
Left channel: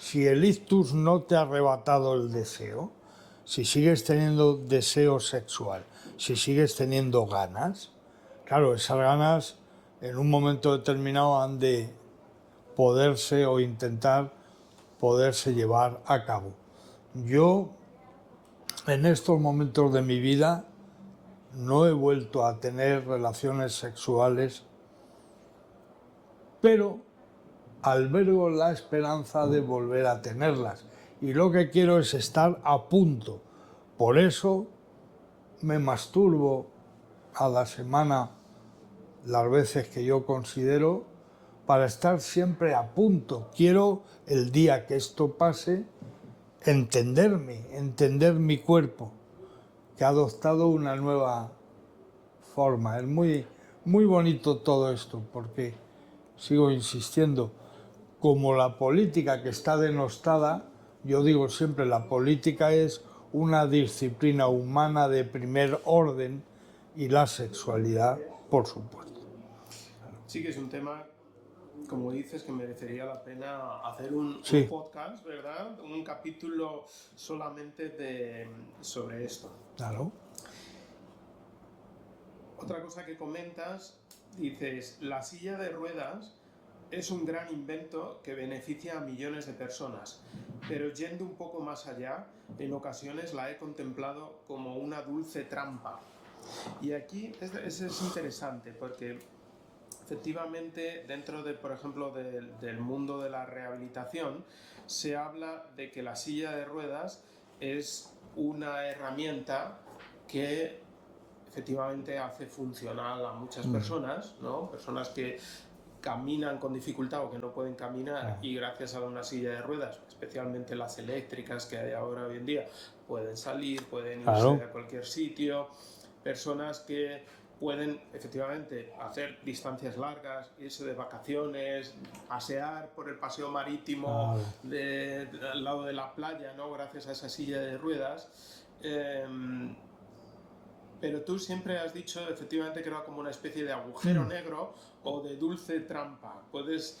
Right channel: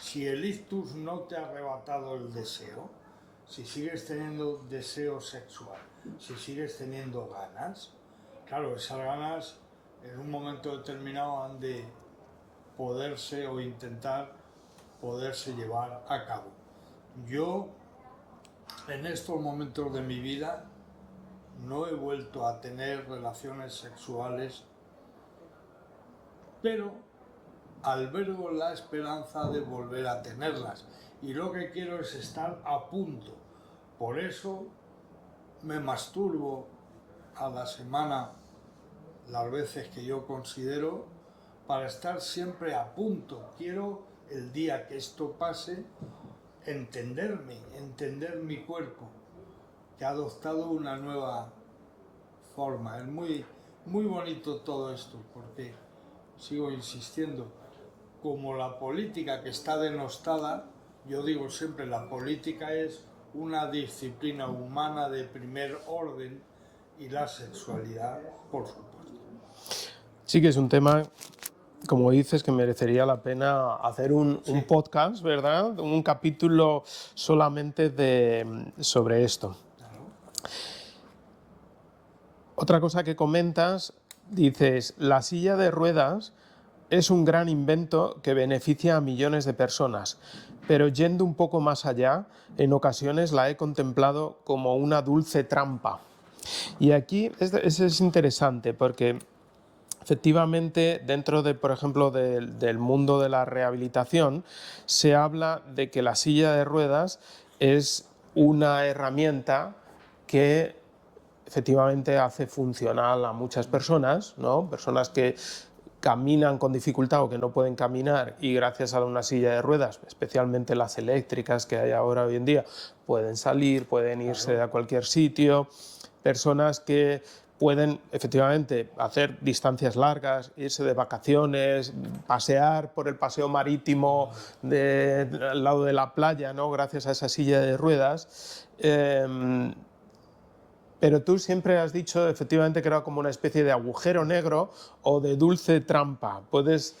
Si el ictus no te ha arrebatado el deseo, si sigues teniendo deseo sexual, si sigues teniendo ganas, claro, esas ganas en un momento determinado han de poderse o intentar poderse llevar a cabo. Yo, en estos momentos de mi vida, no he vuelto a tener relaciones sexuales, pero albergo la esperanza de volver a tenerlas. Y lo que quiero es estar a punto. Por eso me masturbo a la semana las veces que yo considero, para estar siempre a punto. Quiero, el día que esto pase, entenderme, entender mi cuerpo, que ha adoptado una nueva forma. Es muy bonito todo esto, porque, sigo insistiendo, como la política que está denostada, yo digo siempre, la política es una disciplina humana de primer orden, y la sexualidad, por supuesto. Sí que es un tema, como dices, que merecería la pena hacer un podcast, ¿verdad? Un capítulo solamente sobre esto. Claro. Otra cosa que comentas, dices, la silla de ruedas es un gran invento que beneficia a millones de personas, pero yendo un poco más allá, en ocasiones la he contemplado como una dulce trampa. Y aquí es interesante porque efectivamente, dentro de, por ejemplo, del mundo de la rehabilitación, se habla de que la silla de ruedas es una herramienta que efectivamente hace funcional a muchas personas, ¿no? Personas que caminan con dificultad o que no pueden caminar y gracias a una silla de ruedas, especialmente las eléctricas que hay ahora hoy en día, pueden salir, pueden irse a cualquier sitio. Personas que pueden efectivamente hacer distancias largas, irse de vacaciones, pasear por el paseo marítimo al lado de la playa, ¿no? Gracias a esa silla de ruedas. Pero tú siempre has dicho efectivamente que era como una especie de agujero negro o de dulce trampa. ¿Puedes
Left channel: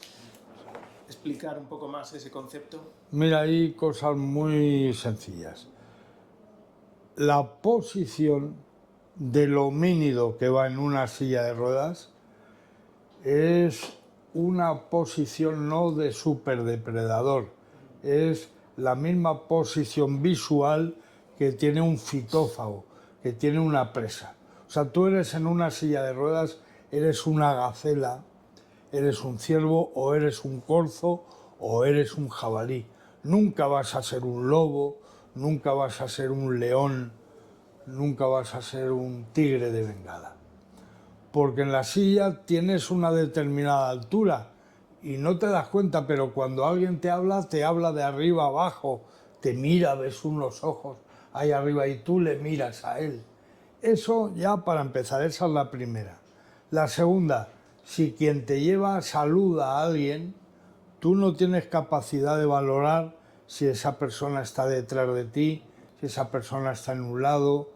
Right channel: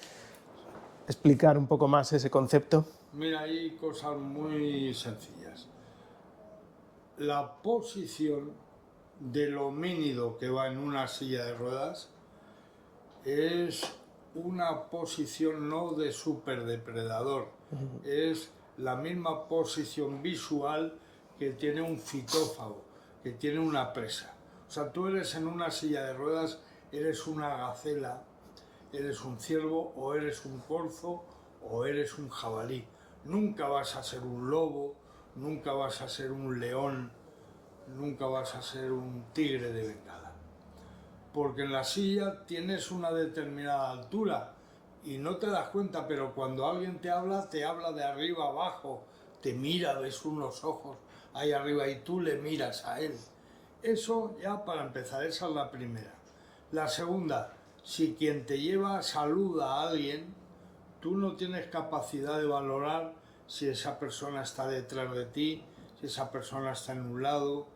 explicar un poco más ese concepto? Mira, hay cosas muy sencillas. La posición del homínido que va en una silla de ruedas es una posición no de superdepredador, es la misma posición visual que tiene un fitófago, que tiene una presa. O sea, tú eres en una silla de ruedas, eres una gacela, eres un ciervo o eres un corzo o eres un jabalí. Nunca vas a ser un lobo, nunca vas a ser un león, nunca vas a ser un tigre de Bengala. Porque en la silla tienes una determinada altura y no te das cuenta, pero cuando alguien te habla de arriba abajo, te mira, ves unos ojos ahí arriba y tú le miras a él. Eso ya para empezar, esa es la primera. La segunda, si quien te lleva saluda a alguien, tú no tienes capacidad de valorar si esa persona está detrás de ti, si esa persona está en un lado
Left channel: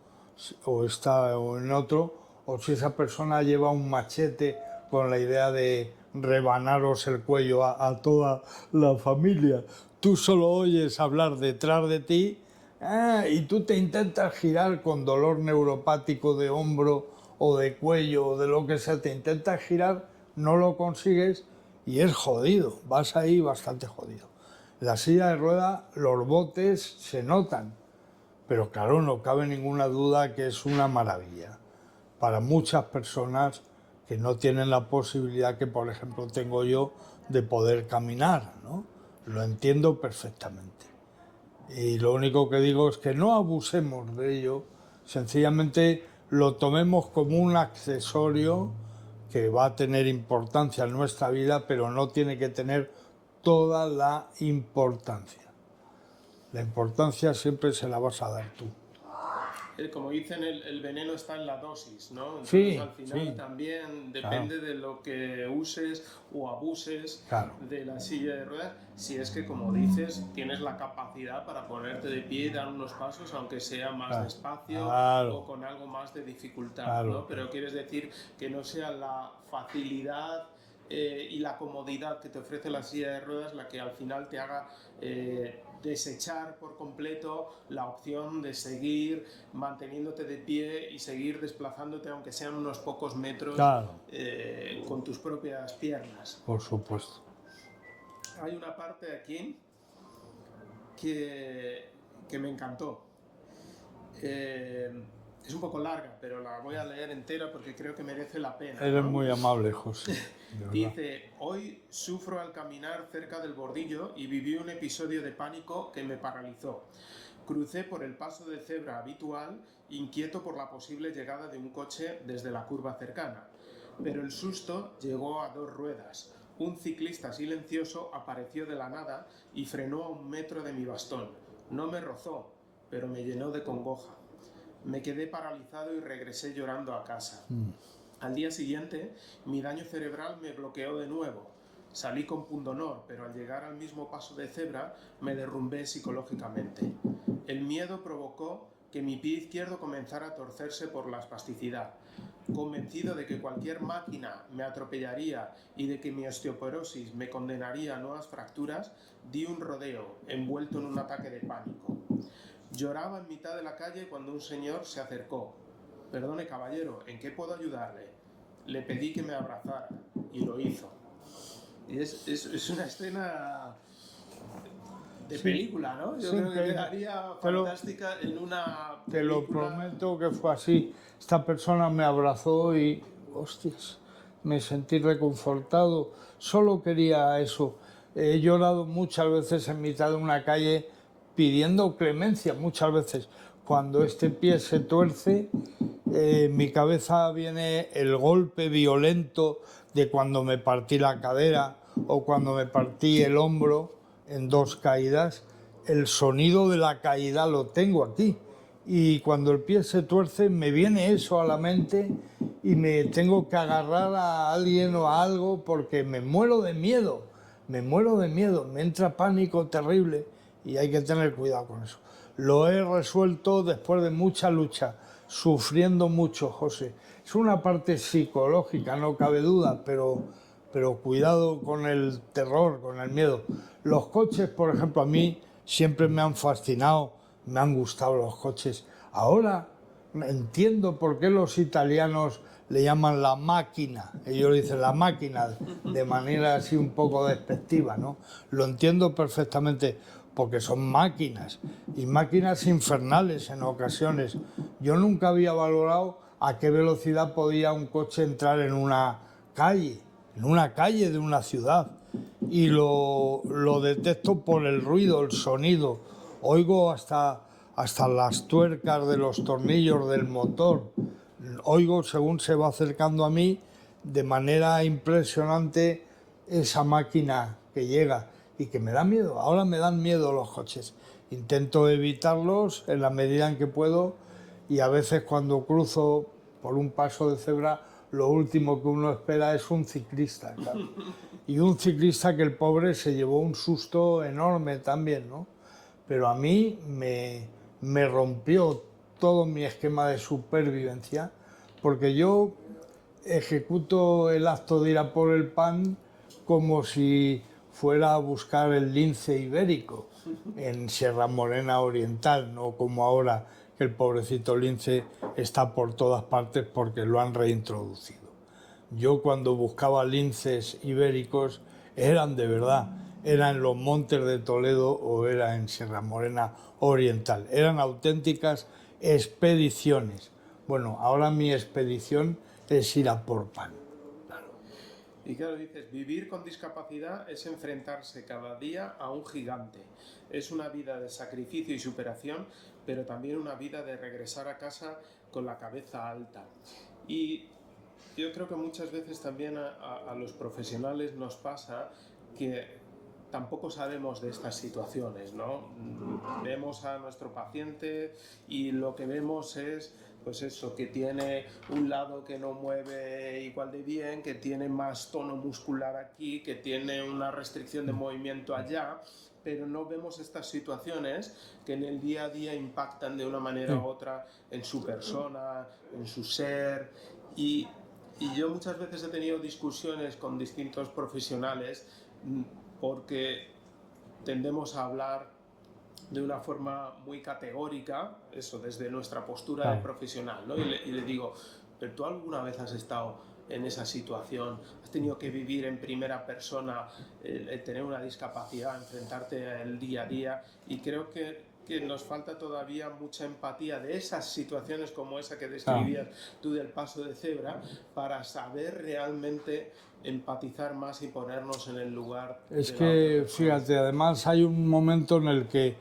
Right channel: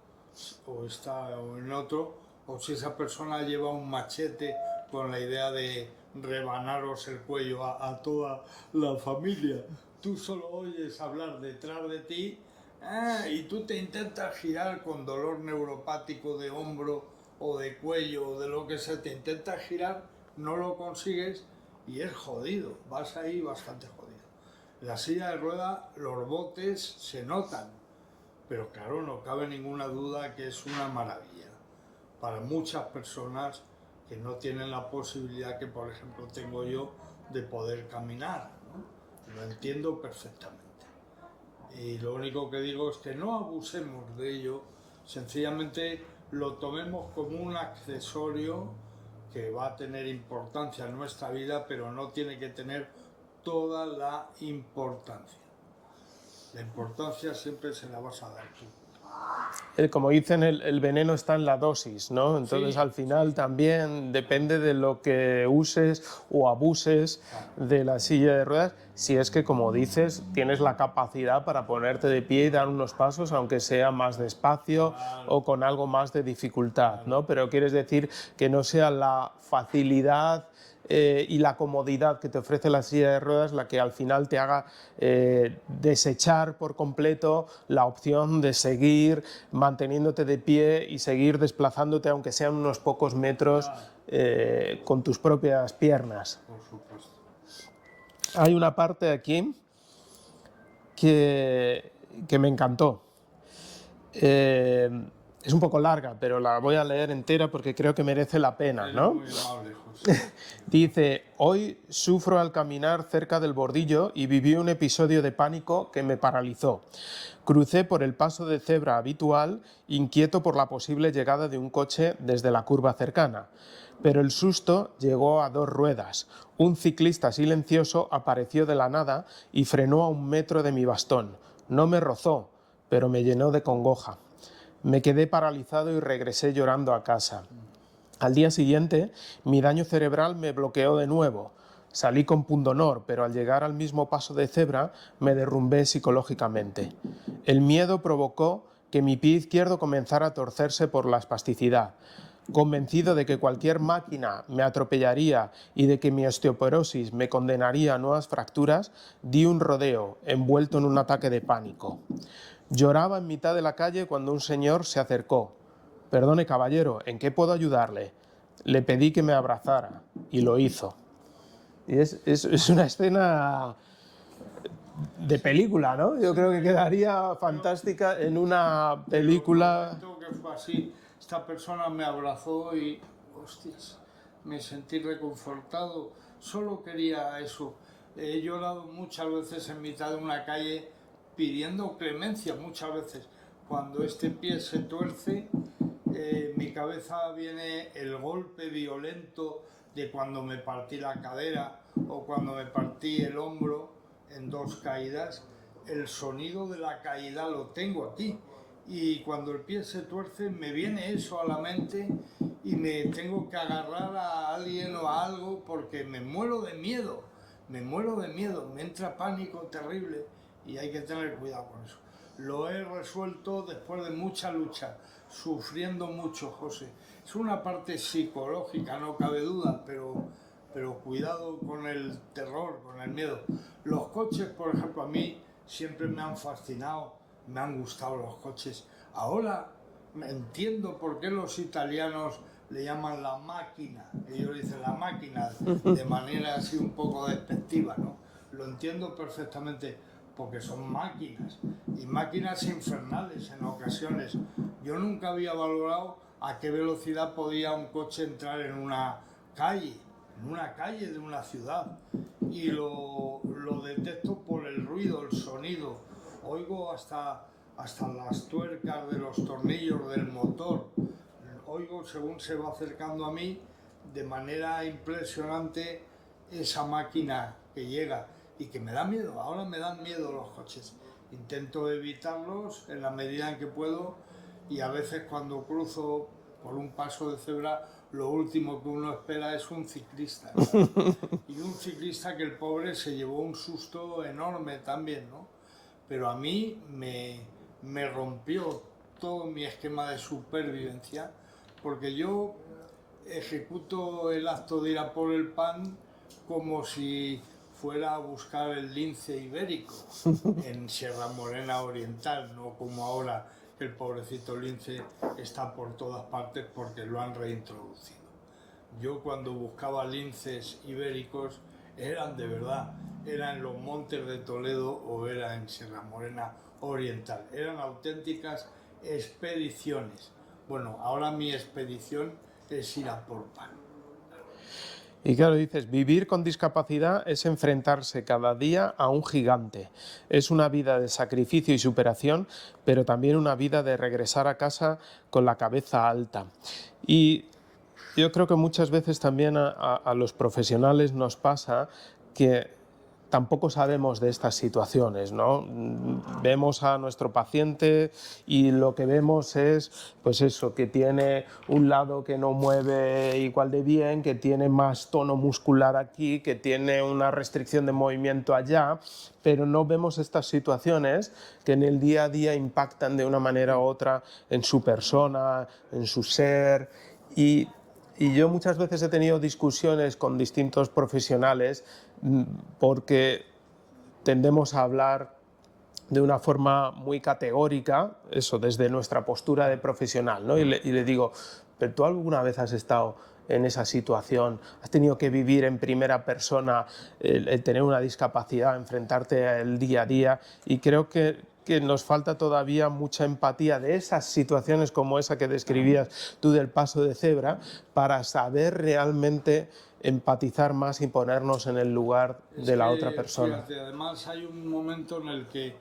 o está en otro, o si esa persona lleva un machete con la idea de rebanaros el cuello a toda la familia. Tú solo oyes hablar detrás de ti y tú te intentas girar con dolor neuropático de hombro o de cuello o de lo que sea, te intentas girar, no lo consigues y es jodido, vas ahí bastante jodido. La silla de rueda, los botes se notan, pero claro, no cabe ninguna duda que es una maravilla para muchas personas que no tienen la posibilidad que, por ejemplo, tengo yo de poder caminar, ¿no? Lo entiendo perfectamente. Y lo único que digo es que no abusemos de ello, sencillamente lo tomemos como un accesorio que va a tener importancia en nuestra vida, pero no tiene que tener toda la importancia. La importancia siempre se la vas a dar tú. Como dicen, el veneno está en la dosis, ¿no? Entonces, Sí, al final sí, también depende de lo que uses o abuses claro. de la silla de ruedas, si es que, como dices, tienes la capacidad para ponerte de pie y dar unos pasos, aunque sea más despacio Claro. o con algo más de dificultad, Claro. ¿no? Pero quieres decir que no sea la facilidad y la comodidad que te ofrece la silla de ruedas la que al final te haga desechar por completo la opción de seguir manteniéndote de pie y seguir desplazándote, aunque sean unos pocos metros, Claro. con tus propias piernas. Por supuesto. Hay una parte aquí que me encantó. Es un poco larga, pero la voy a leer entera porque creo que merece la pena, Eres ¿no? muy amable, José. Dice, hoy sufro al caminar cerca del bordillo y viví un episodio de pánico que me paralizó. Crucé por el paso de cebra habitual, inquieto por la posible llegada de un coche desde la curva cercana. Pero el susto llegó a dos ruedas. Un ciclista silencioso apareció de la nada y frenó a 1 metro de mi bastón. No me rozó, pero me llenó de congoja. Me quedé paralizado y regresé llorando a casa. Al día siguiente, mi daño cerebral me bloqueó de nuevo. Salí con pundonor, pero al llegar al mismo paso de cebra me derrumbé psicológicamente. El miedo provocó que mi pie izquierdo comenzara a torcerse por la espasticidad. Convencido de que cualquier máquina me atropellaría y de que mi osteoporosis me condenaría a nuevas fracturas, di un rodeo, envuelto en un ataque de pánico. Lloraba en mitad de la calle cuando un señor se acercó. «Perdone, caballero, ¿en qué puedo ayudarle?». Le pedí que me abrazara y lo hizo. Y es una escena de película, ¿no? Yo Sí, creo que pero- quedaría fantástica en una película. Te lo prometo que fue así. Esta persona me abrazó y, hostias, me sentí reconfortado. Solo quería eso. He llorado muchas veces en mitad de una calle pidiendo clemencia, muchas veces. Cuando este pie se tuerce, en mi cabeza viene el golpe violento de cuando me partí la cadera o cuando me partí el hombro en 2 caídas. El sonido de la caída lo tengo aquí. Y cuando el pie se tuerce me viene eso a la mente y me tengo que agarrar a alguien o a algo porque me muero de miedo. Me muero de miedo, me entra pánico terrible y hay que tener cuidado con eso. Lo he resuelto después de mucha lucha, sufriendo mucho, José. Es una parte psicológica, no cabe duda, pero cuidado con el terror, con el miedo. Los coches, por ejemplo, a mí siempre me han fascinado, me han gustado los coches. Ahora entiendo por qué los italianos le llaman la máquina. Ellos dicen la máquina de manera así un poco despectiva, ¿no? Lo entiendo perfectamente porque son máquinas, y máquinas infernales en ocasiones. Yo nunca había valorado a qué velocidad podía un coche entrar en una calle de una ciudad, y lo detecto por el ruido, el sonido. Oigo hasta las tuercas de los tornillos del motor. Oigo según se va acercando a mí de manera impresionante esa máquina que llega y que me da miedo. Ahora me dan miedo los coches. Intento evitarlos en la medida en que puedo, y a veces cuando cruzo por un paso de cebra lo último que uno espera es un ciclista, claro. Y un ciclista que el pobre se llevó un susto enorme también, ¿no? Pero a mí me rompió todo mi esquema de supervivencia, porque yo ejecuto el acto de ir a por el pan como si fuera a buscar el lince ibérico en Sierra Morena Oriental, no como ahora que el pobrecito lince está por todas partes porque lo han reintroducido. Yo cuando buscaba linces ibéricos eran de verdad, era en los montes de Toledo o era en Sierra Morena Oriental, eran auténticas expediciones. Bueno, ahora mi expedición es ir a por pan. Y claro, dices, vivir con discapacidad es enfrentarse cada día a un gigante. Es una vida de sacrificio y superación, pero también una vida de regresar a casa con la cabeza alta. Y yo creo que muchas veces también a los profesionales nos pasa que tampoco sabemos de estas situaciones, ¿no? Vemos a nuestro paciente y lo que vemos es, pues eso, que tiene un lado que no mueve igual de bien, que tiene más tono muscular aquí, que tiene una restricción de movimiento allá, pero no vemos estas situaciones que en el día a día impactan de una manera u otra en su persona, en su ser. Y yo muchas veces he tenido discusiones con distintos profesionales porque tendemos a hablar de una forma muy categórica, eso desde nuestra postura de profesional, ¿no? Y le digo, ¿pero tú alguna vez has estado en esa situación? ¿Has tenido que vivir en primera persona el tener una discapacidad, enfrentarte al día a día? Y creo que nos falta todavía mucha empatía de esas situaciones como esa que describías tú del paso de cebra, para saber realmente empatizar más y ponernos en el lugar de la otra persona. Fíjate, además hay un momento en el que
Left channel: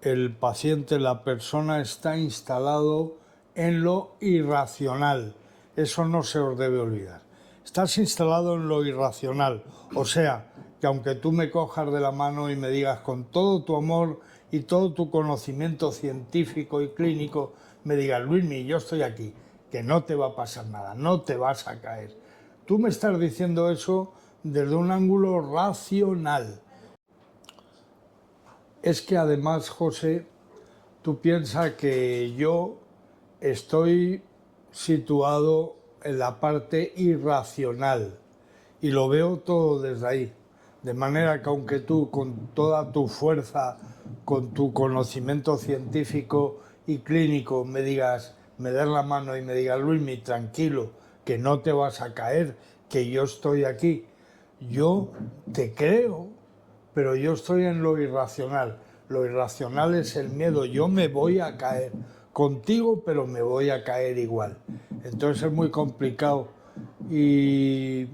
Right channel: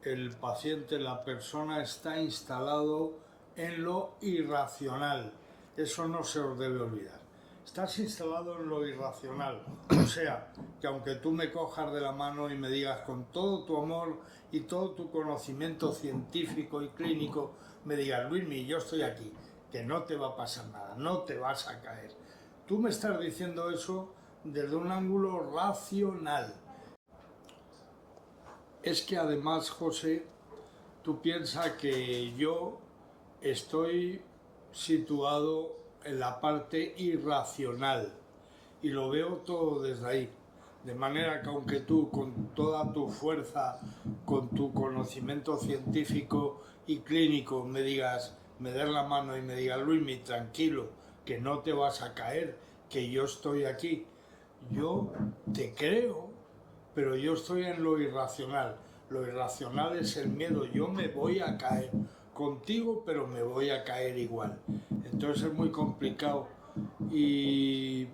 el paciente, la persona, está instalado en lo irracional. Eso no se os debe olvidar. Estás instalado en lo irracional. O sea, que aunque tú me cojas de la mano y me digas con todo tu amor y todo tu conocimiento científico y clínico, me digas, Luismi, yo estoy aquí, que no te va a pasar nada, no te vas a caer. Tú me estás diciendo eso desde un ángulo racional. Es que además, José, tú piensas que yo estoy situado en la parte irracional y lo veo todo desde ahí. De manera que aunque tú con toda tu fuerza, con tu conocimiento científico y clínico me digas, me des la mano y me digas, Luismi, tranquilo, que no te vas a caer, que yo estoy aquí, yo te creo, pero yo estoy en lo irracional. Lo irracional es el miedo, yo me voy a caer contigo, pero me voy a caer igual. Entonces es muy complicado y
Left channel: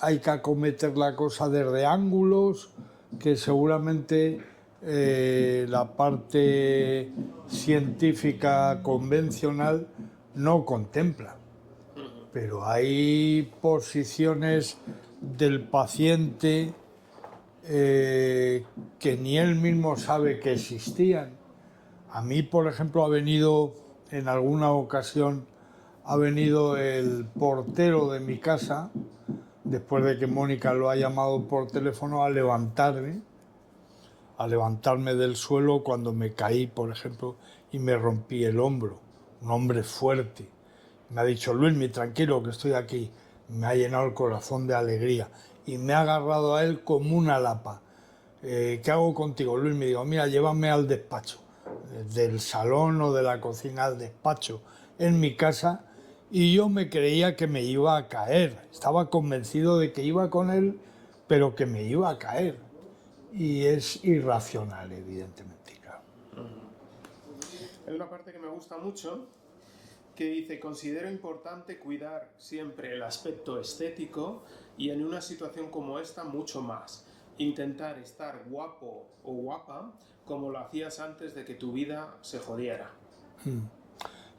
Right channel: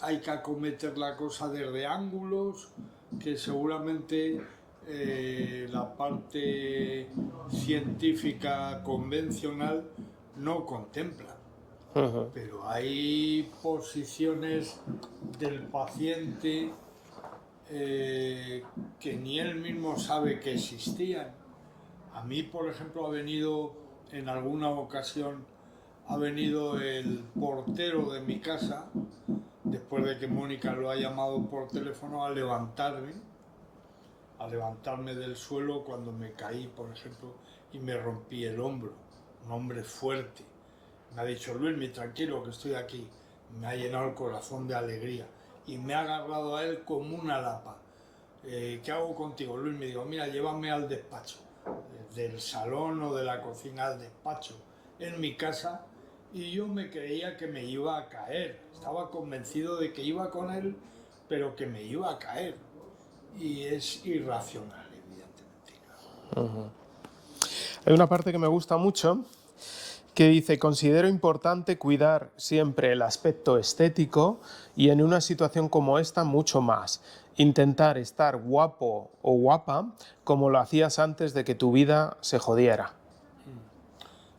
hay que acometer la cosa desde ángulos que seguramente la parte científica convencional no contempla. Pero hay posiciones del paciente que ni él mismo sabe que existían. A mí, por ejemplo, ha venido en alguna ocasión, ha venido el portero de mi casa, después de que Mónica lo ha llamado por teléfono, a levantarme del suelo cuando me caí, por ejemplo, y me rompí el hombro. Un hombre fuerte. Me ha dicho, Luismi, tranquilo, que estoy aquí. Me ha llenado el corazón de alegría y me ha agarrado a él como una lapa. ¿Qué hago contigo, Luis? Me digo, mira, llévame al despacho, del salón o de la cocina al despacho, en mi casa, y yo me creía que me iba a caer. Estaba convencido de que iba con él, pero que me iba a caer. y es irracional, evidentemente. Claro. Hay una parte que me gusta mucho que dice: considero importante cuidar siempre el aspecto estético y en una situación como esta mucho más. Intentar estar guapo o guapa como lo hacías antes de que tu vida se jodiera.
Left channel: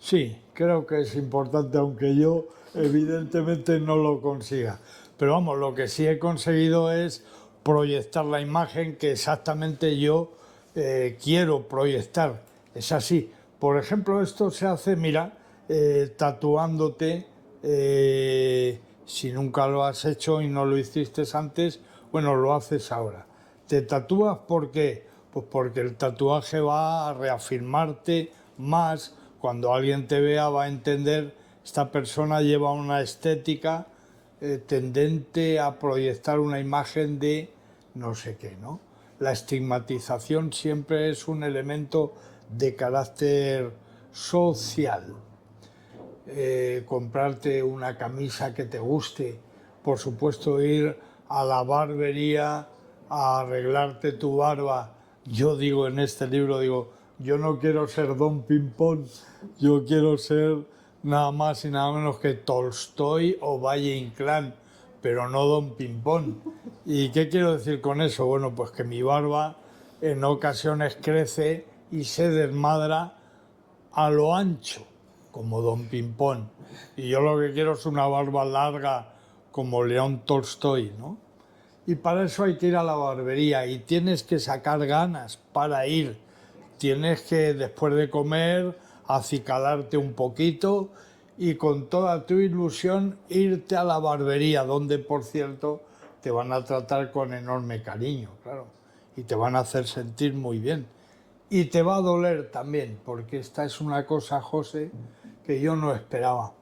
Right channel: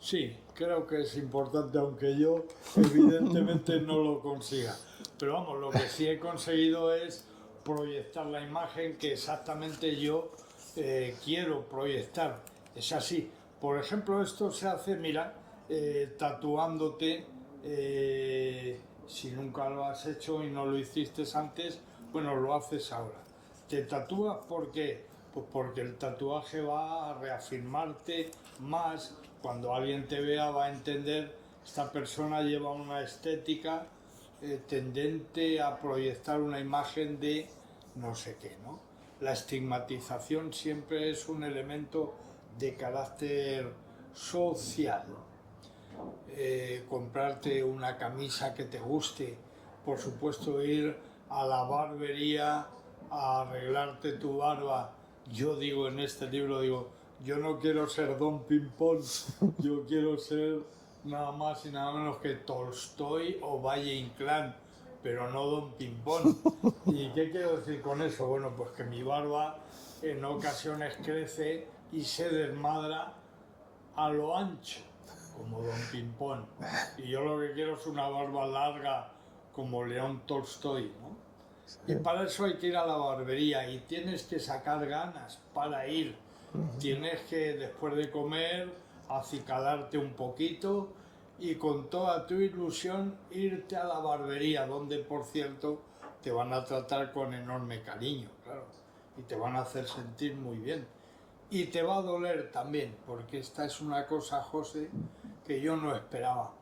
Sí, creo que es importante, aunque yo evidentemente no lo consiga. Pero vamos, lo que sí he conseguido es proyectar la imagen que exactamente yo quiero proyectar. Es así. Por ejemplo, esto se hace, mira, tatuándote, si nunca lo has hecho y no lo hiciste antes, bueno, lo haces ahora. ¿Te tatúas por qué? Pues porque el tatuaje va a reafirmarte más. Cuando alguien te vea va a entender, esta persona lleva una estética tendente a proyectar una imagen de no sé qué, ¿no? La estigmatización siempre es un elemento de carácter social. Comprarte una camisa que te guste, por supuesto ir a la barbería a arreglarte tu barba. Yo digo en este libro, digo, yo no quiero ser Don Pimpón, yo quiero ser nada más y nada menos que Tolstoy o Valle Inclán, pero no Don Pimpón. ¿Y qué quiero decir con eso? Bueno, pues que mi barba en ocasiones crece y se desmadra a lo ancho, como Don Pimpón. Y yo lo que quiero es una barba larga como León Tolstoy, ¿no? Y para eso hay que ir a la barbería y tienes que sacar ganas para ir. Tienes que, después de comer, acicalarte un poquito y con toda tu ilusión irte a la barbería, donde, por cierto, te van a tratar con enorme cariño, claro, y te van a hacer sentir muy bien. Y te va a doler también, porque esta es una cosa, José, que yo no esperaba.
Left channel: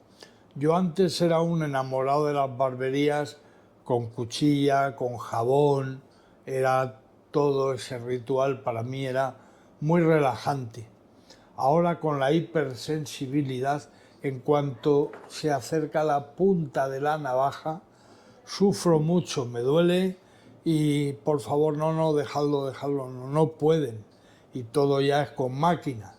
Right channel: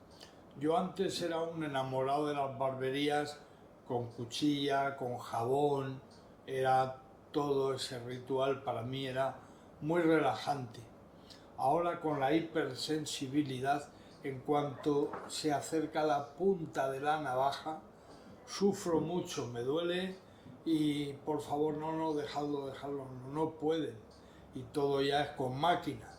Yo antes era un enamorado de las barberías con cuchilla, con jabón, era todo ese ritual para mí era muy relajante. Ahora con la hipersensibilidad, en cuanto se acerca la punta de la navaja, sufro mucho, me duele y por favor no, dejadlo, no pueden. Y todo ya es con máquina,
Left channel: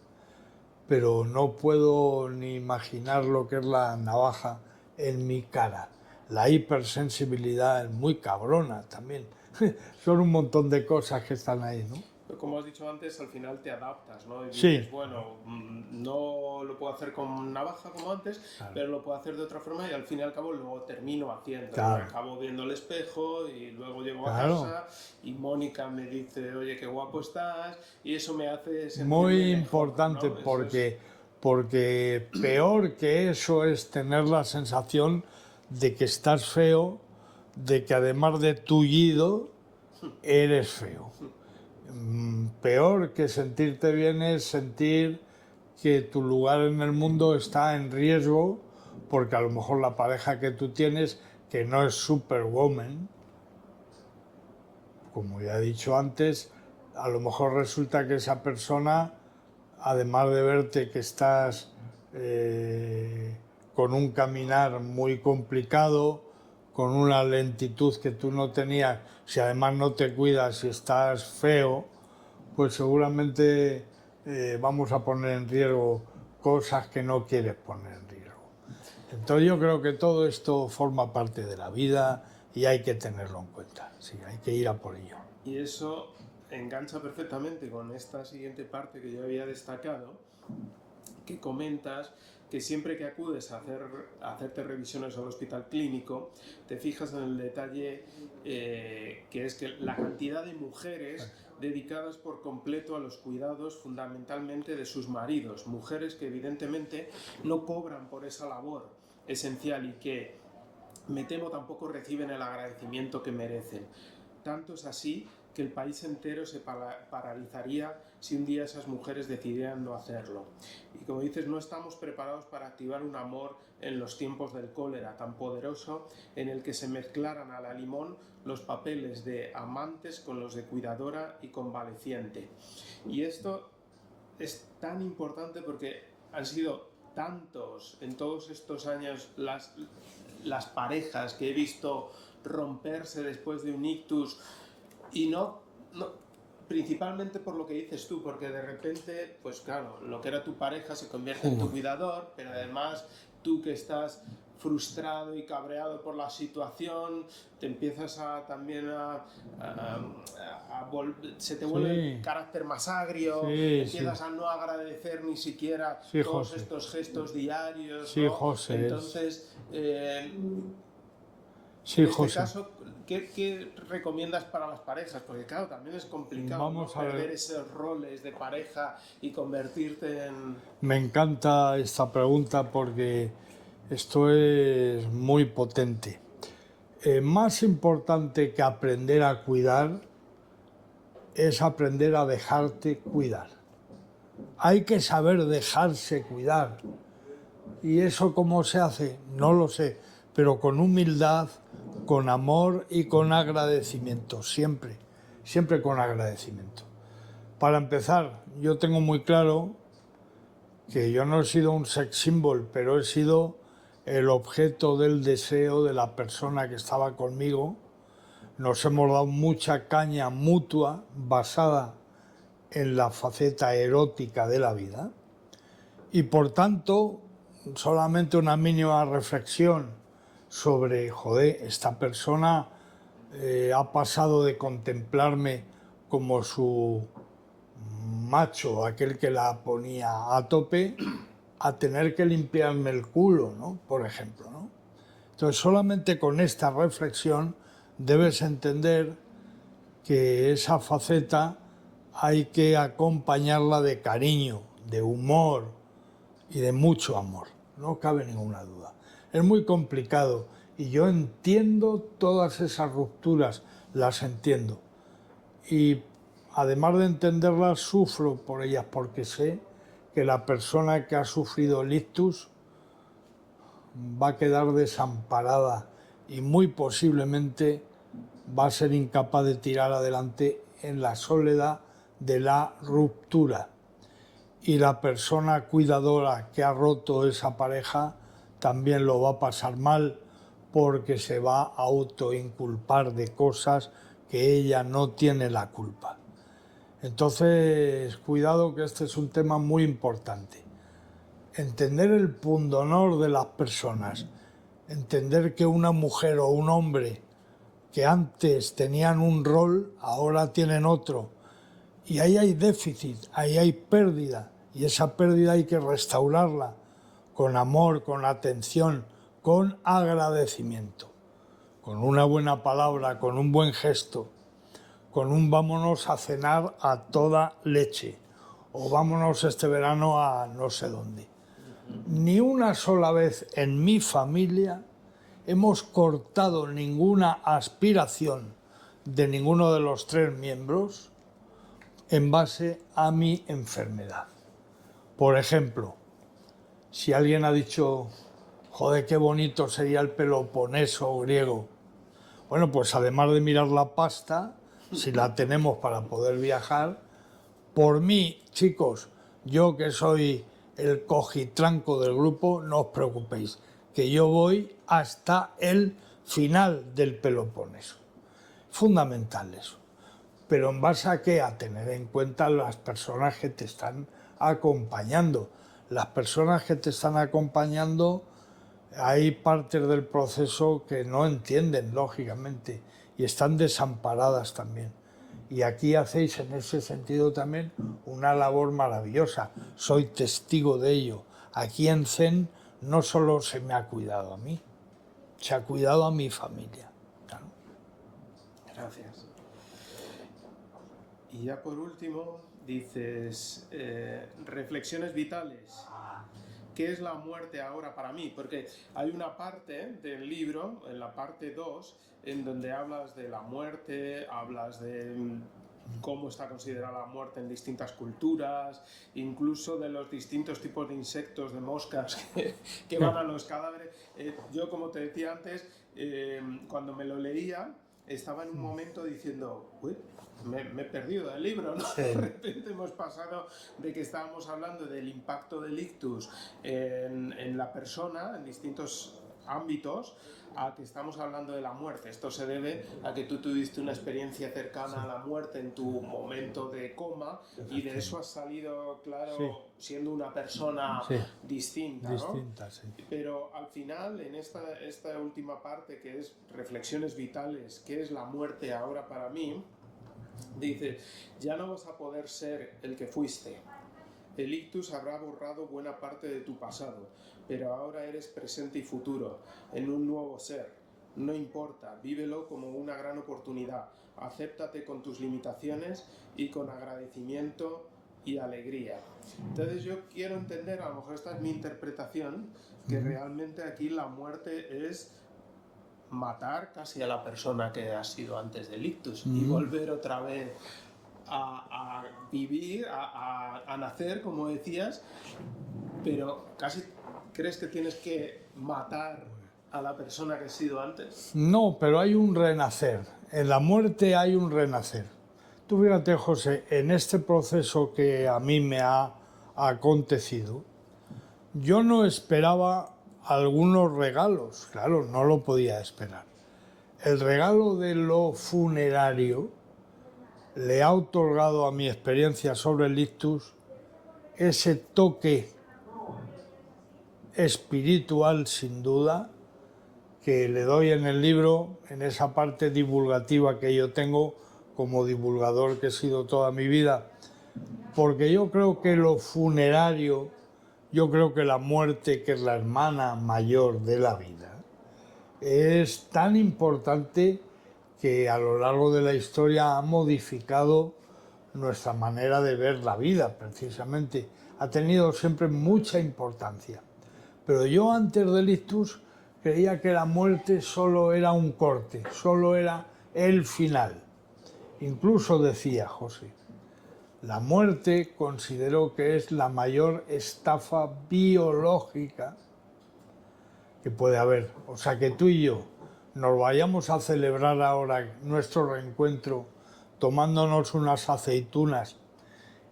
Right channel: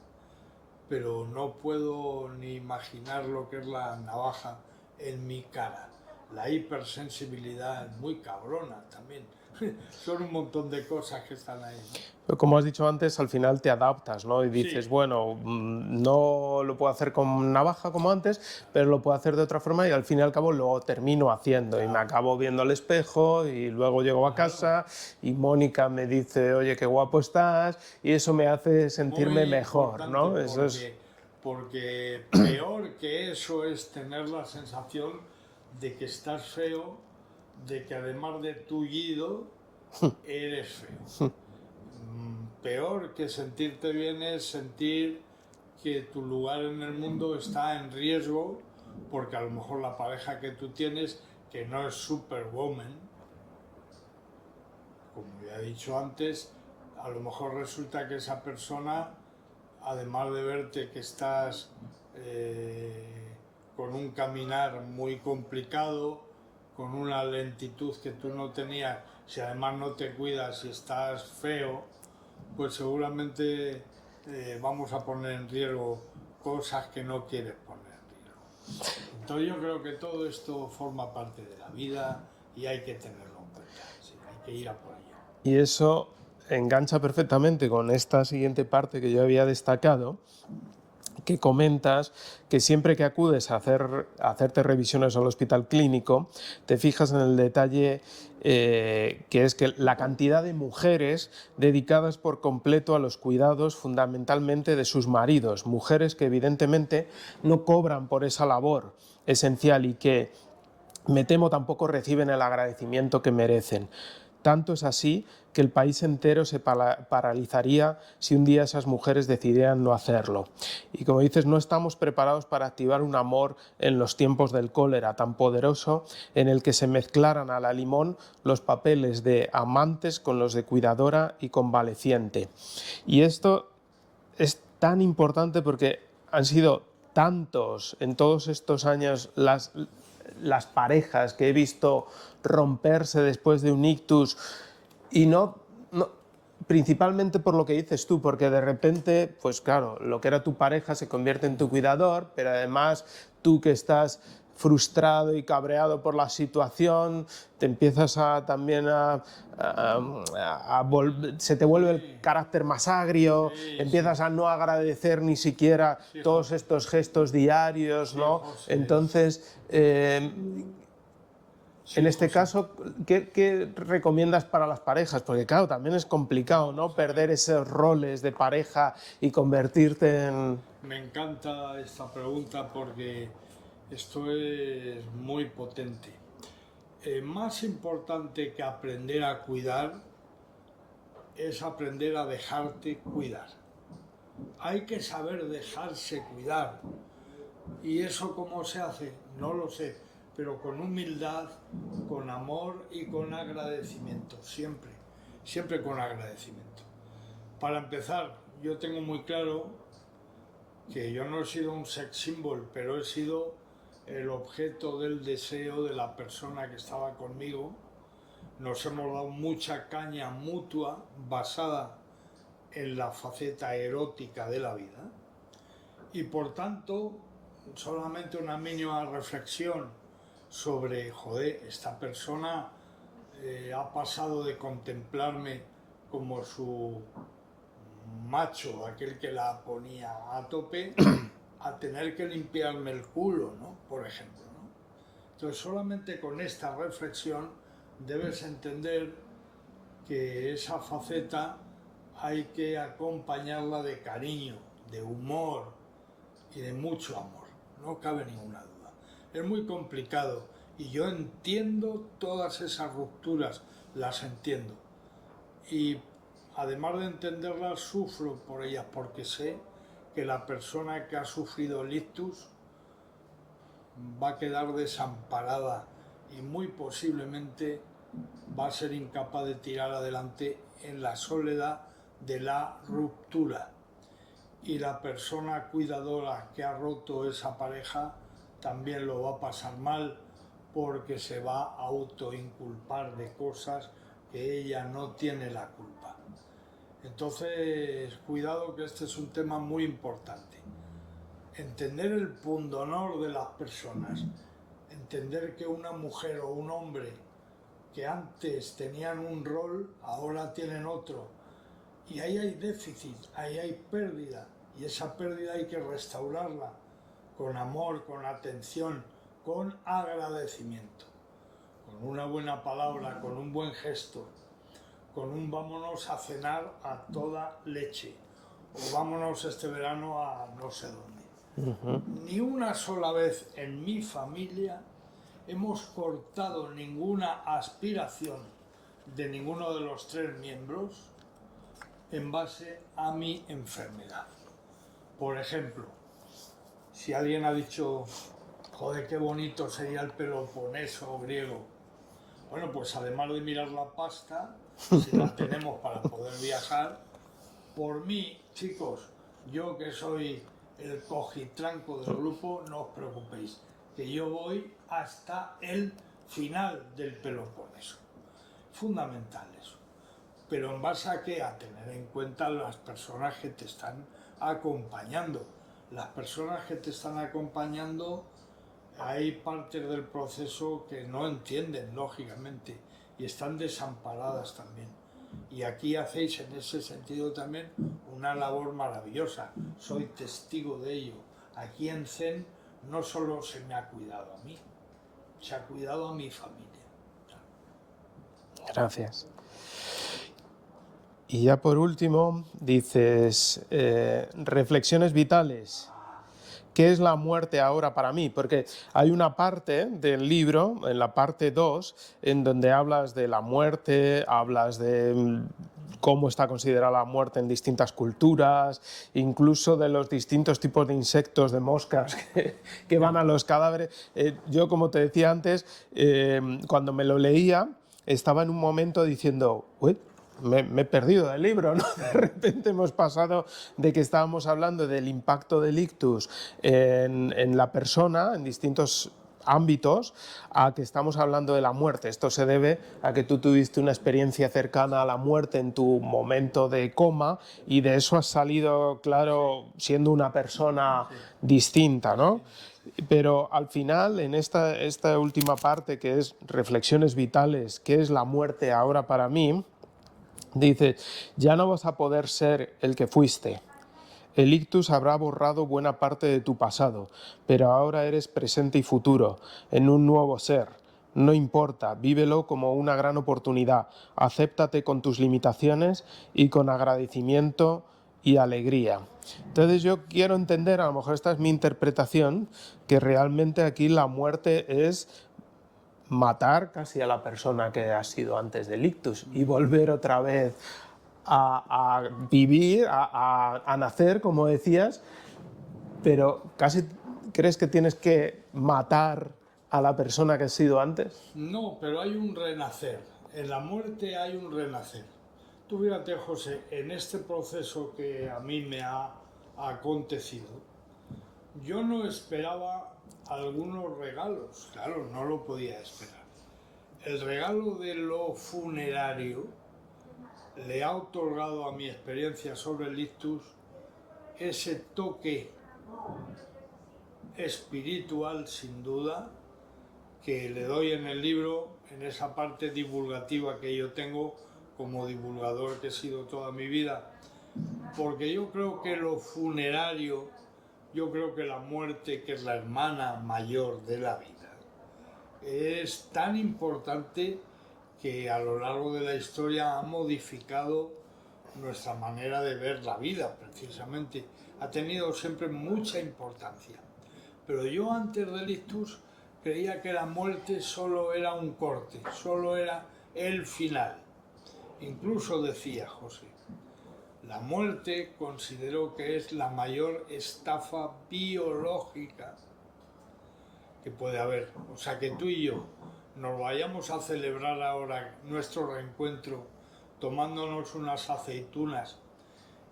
pero no puedo ni imaginar lo que es la navaja en mi cara. La hipersensibilidad es muy cabrona también. Son un montón de cosas que están ahí, ¿no? Pero como has dicho antes, al final te adaptas, ¿no? Y dices, Sí, bueno, no lo puedo hacer con navaja como antes, pero lo puedo hacer de otra forma y al fin y al cabo lo termino haciendo. Y me claro, acabo viendo al espejo y luego llego a claro. casa y Mónica me dice, oye, qué guapo estás, y eso me hace sentirme Muy mejor, importante ¿no? Eso es... porque peor que eso es tener la sensación de que estás feo, de que además de tullido, eres feo. Peor que sentirte bien es sentir que tu lugar en el mundo está en riesgo porque a lo mejor la pareja que tú tienes, que no es superwoman, como ya he dicho antes, a lo mejor resulta que esa persona, además de verte que estás con un caminar muy complicado, con una lentitud que tú no tenías, si además no te cuidas y estás feo, pues seguramente vamos a poner en riesgo cosas que no quieres poner en riesgo. Entonces yo creo que todo esto forma parte de la vida y hay que tenerlo en cuenta, sí, hay que ir a por ello. Y eso engancha perfectamente con esta siguiente parte que yo había destacado, que comentas que siempre que acudes a hacerte revisiones al hospital clínico, te fijas en el detalle que es que la cantidad de mujeres dedicadas por completo a los cuidados fundamentalmente de sus maridos, mujeres que evidentemente no cobran por esa labor esencial y que me temo tampoco reciben el agradecimiento que merecen. Tanto es así que el país entero se paralizaría si un día esas mujeres decidieran no hacerlo. Y como dices, no estamos preparados para activar un amor en los tiempos del cólera tan poderoso en el que se mezclaran a la limón los papeles de amantes con los de cuidadora y convaleciente. Y esto es tan importante porque han sido tantos en todos estos años las parejas que he visto romperse después de un ictus y no no, principalmente por lo que dices tú, porque de repente, pues claro, lo que era tu pareja se convierte en tu cuidador, pero además tú que estás frustrado y cabreado por la situación, te empiezas se te vuelve el carácter más agrio, Sí, empiezas sí. a no agradecer ni siquiera Sí, todos José. estos gestos diarios, Sí, ¿no? José. Entonces, Sí, en este José. caso, ¿qué recomiendas para las parejas? Porque claro, también es complicado, ¿no? Vamos a Perder ver. esos roles de pareja y convertirte en... Me encanta esta pregunta porque esto es muy potente. Más importante que aprender a cuidar es aprender a dejarte cuidar. Hay que saber dejarse cuidar. ¿Y eso cómo se hace? No lo sé, pero con humildad, con amor y con agradecimiento, siempre, siempre con agradecimiento. Para empezar, yo tengo muy claro que yo no he sido un sex symbol, pero he sido el objeto del deseo de la persona que estaba conmigo. Nos hemos dado mucha caña mutua basada en la faceta erótica de la vida y por tanto solamente una mínima reflexión sobre, joder, esta persona ha pasado de contemplarme como su macho, aquel que la ponía a tope, a tener que limpiarme el culo, ¿no? Por ejemplo, ¿no? Entonces, solamente con esta reflexión debes entender que esa faceta hay que acompañarla de cariño, de humor y de mucho amor, no cabe ninguna duda. Es muy complicado y yo entiendo todas esas rupturas, las entiendo. Y además de entenderlas, sufro por ellas porque sé que la persona que ha sufrido el ictus va a quedar desamparada y muy posiblemente va a ser incapaz de tirar adelante en la soledad de la ruptura. Y la persona cuidadora que ha roto esa pareja también lo va a pasar mal porque se va a autoinculpar de cosas que ella no tiene la culpa. Entonces, cuidado que este es un tema muy importante. Entender el pundonor de las personas, entender que una mujer o un hombre que antes tenían un rol, ahora tienen otro. Y ahí hay déficit, ahí hay pérdida, y esa pérdida hay que restaurarla con amor, con atención, con agradecimiento, con una buena palabra, con un buen gesto, con un vámonos a cenar a toda leche, o vámonos este verano a no sé dónde. Ni una sola vez en mi familia hemos cortado ninguna aspiración de ninguno de los tres miembros en base a mi enfermedad. Por ejemplo, si alguien ha dicho, joder, qué bonito sería el Peloponeso griego, bueno, pues además de mirar la pasta, si la tenemos para poder viajar, por mí, chicos, yo que soy el cojitranco del grupo, no os preocupéis, que yo voy hasta el final del Peloponeso. Fundamental eso. Pero en base a qué? A tener en cuenta las personas que te están acompañando. Las personas que te están acompañando, hay partes del proceso que no entienden, lógicamente, y están desamparadas también. Y aquí hacéis en ese sentido también una labor maravillosa. Soy testigo de ello. Aquí en Zen no solo se me ha cuidado a mí, se ha cuidado a mi familia. Claro. Gracias. Y ya por último, dices, reflexiones vitales. ¿Qué es la muerte ahora para mí? Porque hay una parte del libro, en la parte 2, en donde hablas de la muerte, hablas de cómo está considerada la muerte en distintas culturas, incluso de los distintos tipos de insectos, de moscas que van a los cadáveres. Yo, como te decía antes, cuando me lo leía, estaba en un momento diciendo, uy, me he perdido del libro, ¿no? De repente hemos pasado de que estábamos hablando del impacto del ictus en la persona, en distintos ámbitos a que estamos hablando de la muerte. Esto se debe a que tú tuviste una experiencia cercana a la muerte en tu momento de coma y de eso has salido, claro, siendo una persona distinta, ¿no? Sí. Pero al final, en esta última parte, que es reflexiones vitales, ¿qué es la muerte ahora para mí? Dice, ya no vas a poder ser el que fuiste. El ictus habrá borrado buena parte de tu pasado, pero ahora eres presente y futuro, en un nuevo ser. No importa, vívelo como una gran oportunidad, acéptate con tus limitaciones y con agradecimiento y alegría. Entonces yo quiero entender, a lo mejor esta es mi interpretación, que realmente aquí la muerte es matar casi a la persona que ha sido antes del ictus y volver otra vez a vivir, a nacer, como decías, pero casi crees que tienes que matar a la persona que has sido antes. No, pero hay un renacer. En la muerte hay un renacer. Tú fíjate, José, en este proceso que a mí me ha acontecido, yo no esperaba algunos regalos, claro, no lo podía esperar. El regalo de lo funerario le ha otorgado a mi experiencia sobre el ictus ese toque espiritual, sin duda, que le doy en el libro, en esa parte divulgativa que yo tengo como divulgador que he sido toda mi vida, porque yo creo que lo funerario, yo creo que la muerte, que es la hermana mayor de la vida, es tan importante que a lo largo de la historia ha modificado nuestra manera de ver la vida, precisamente. Ha tenido siempre mucha importancia. Pero yo antes del ictus creía que la muerte solo era un corte, solo era el final. Incluso decía José, la muerte considero que es la mayor estafa biológica que puede haber. O sea, que tú y yo nos vayamos a celebrar ahora nuestro reencuentro tomándonos unas aceitunas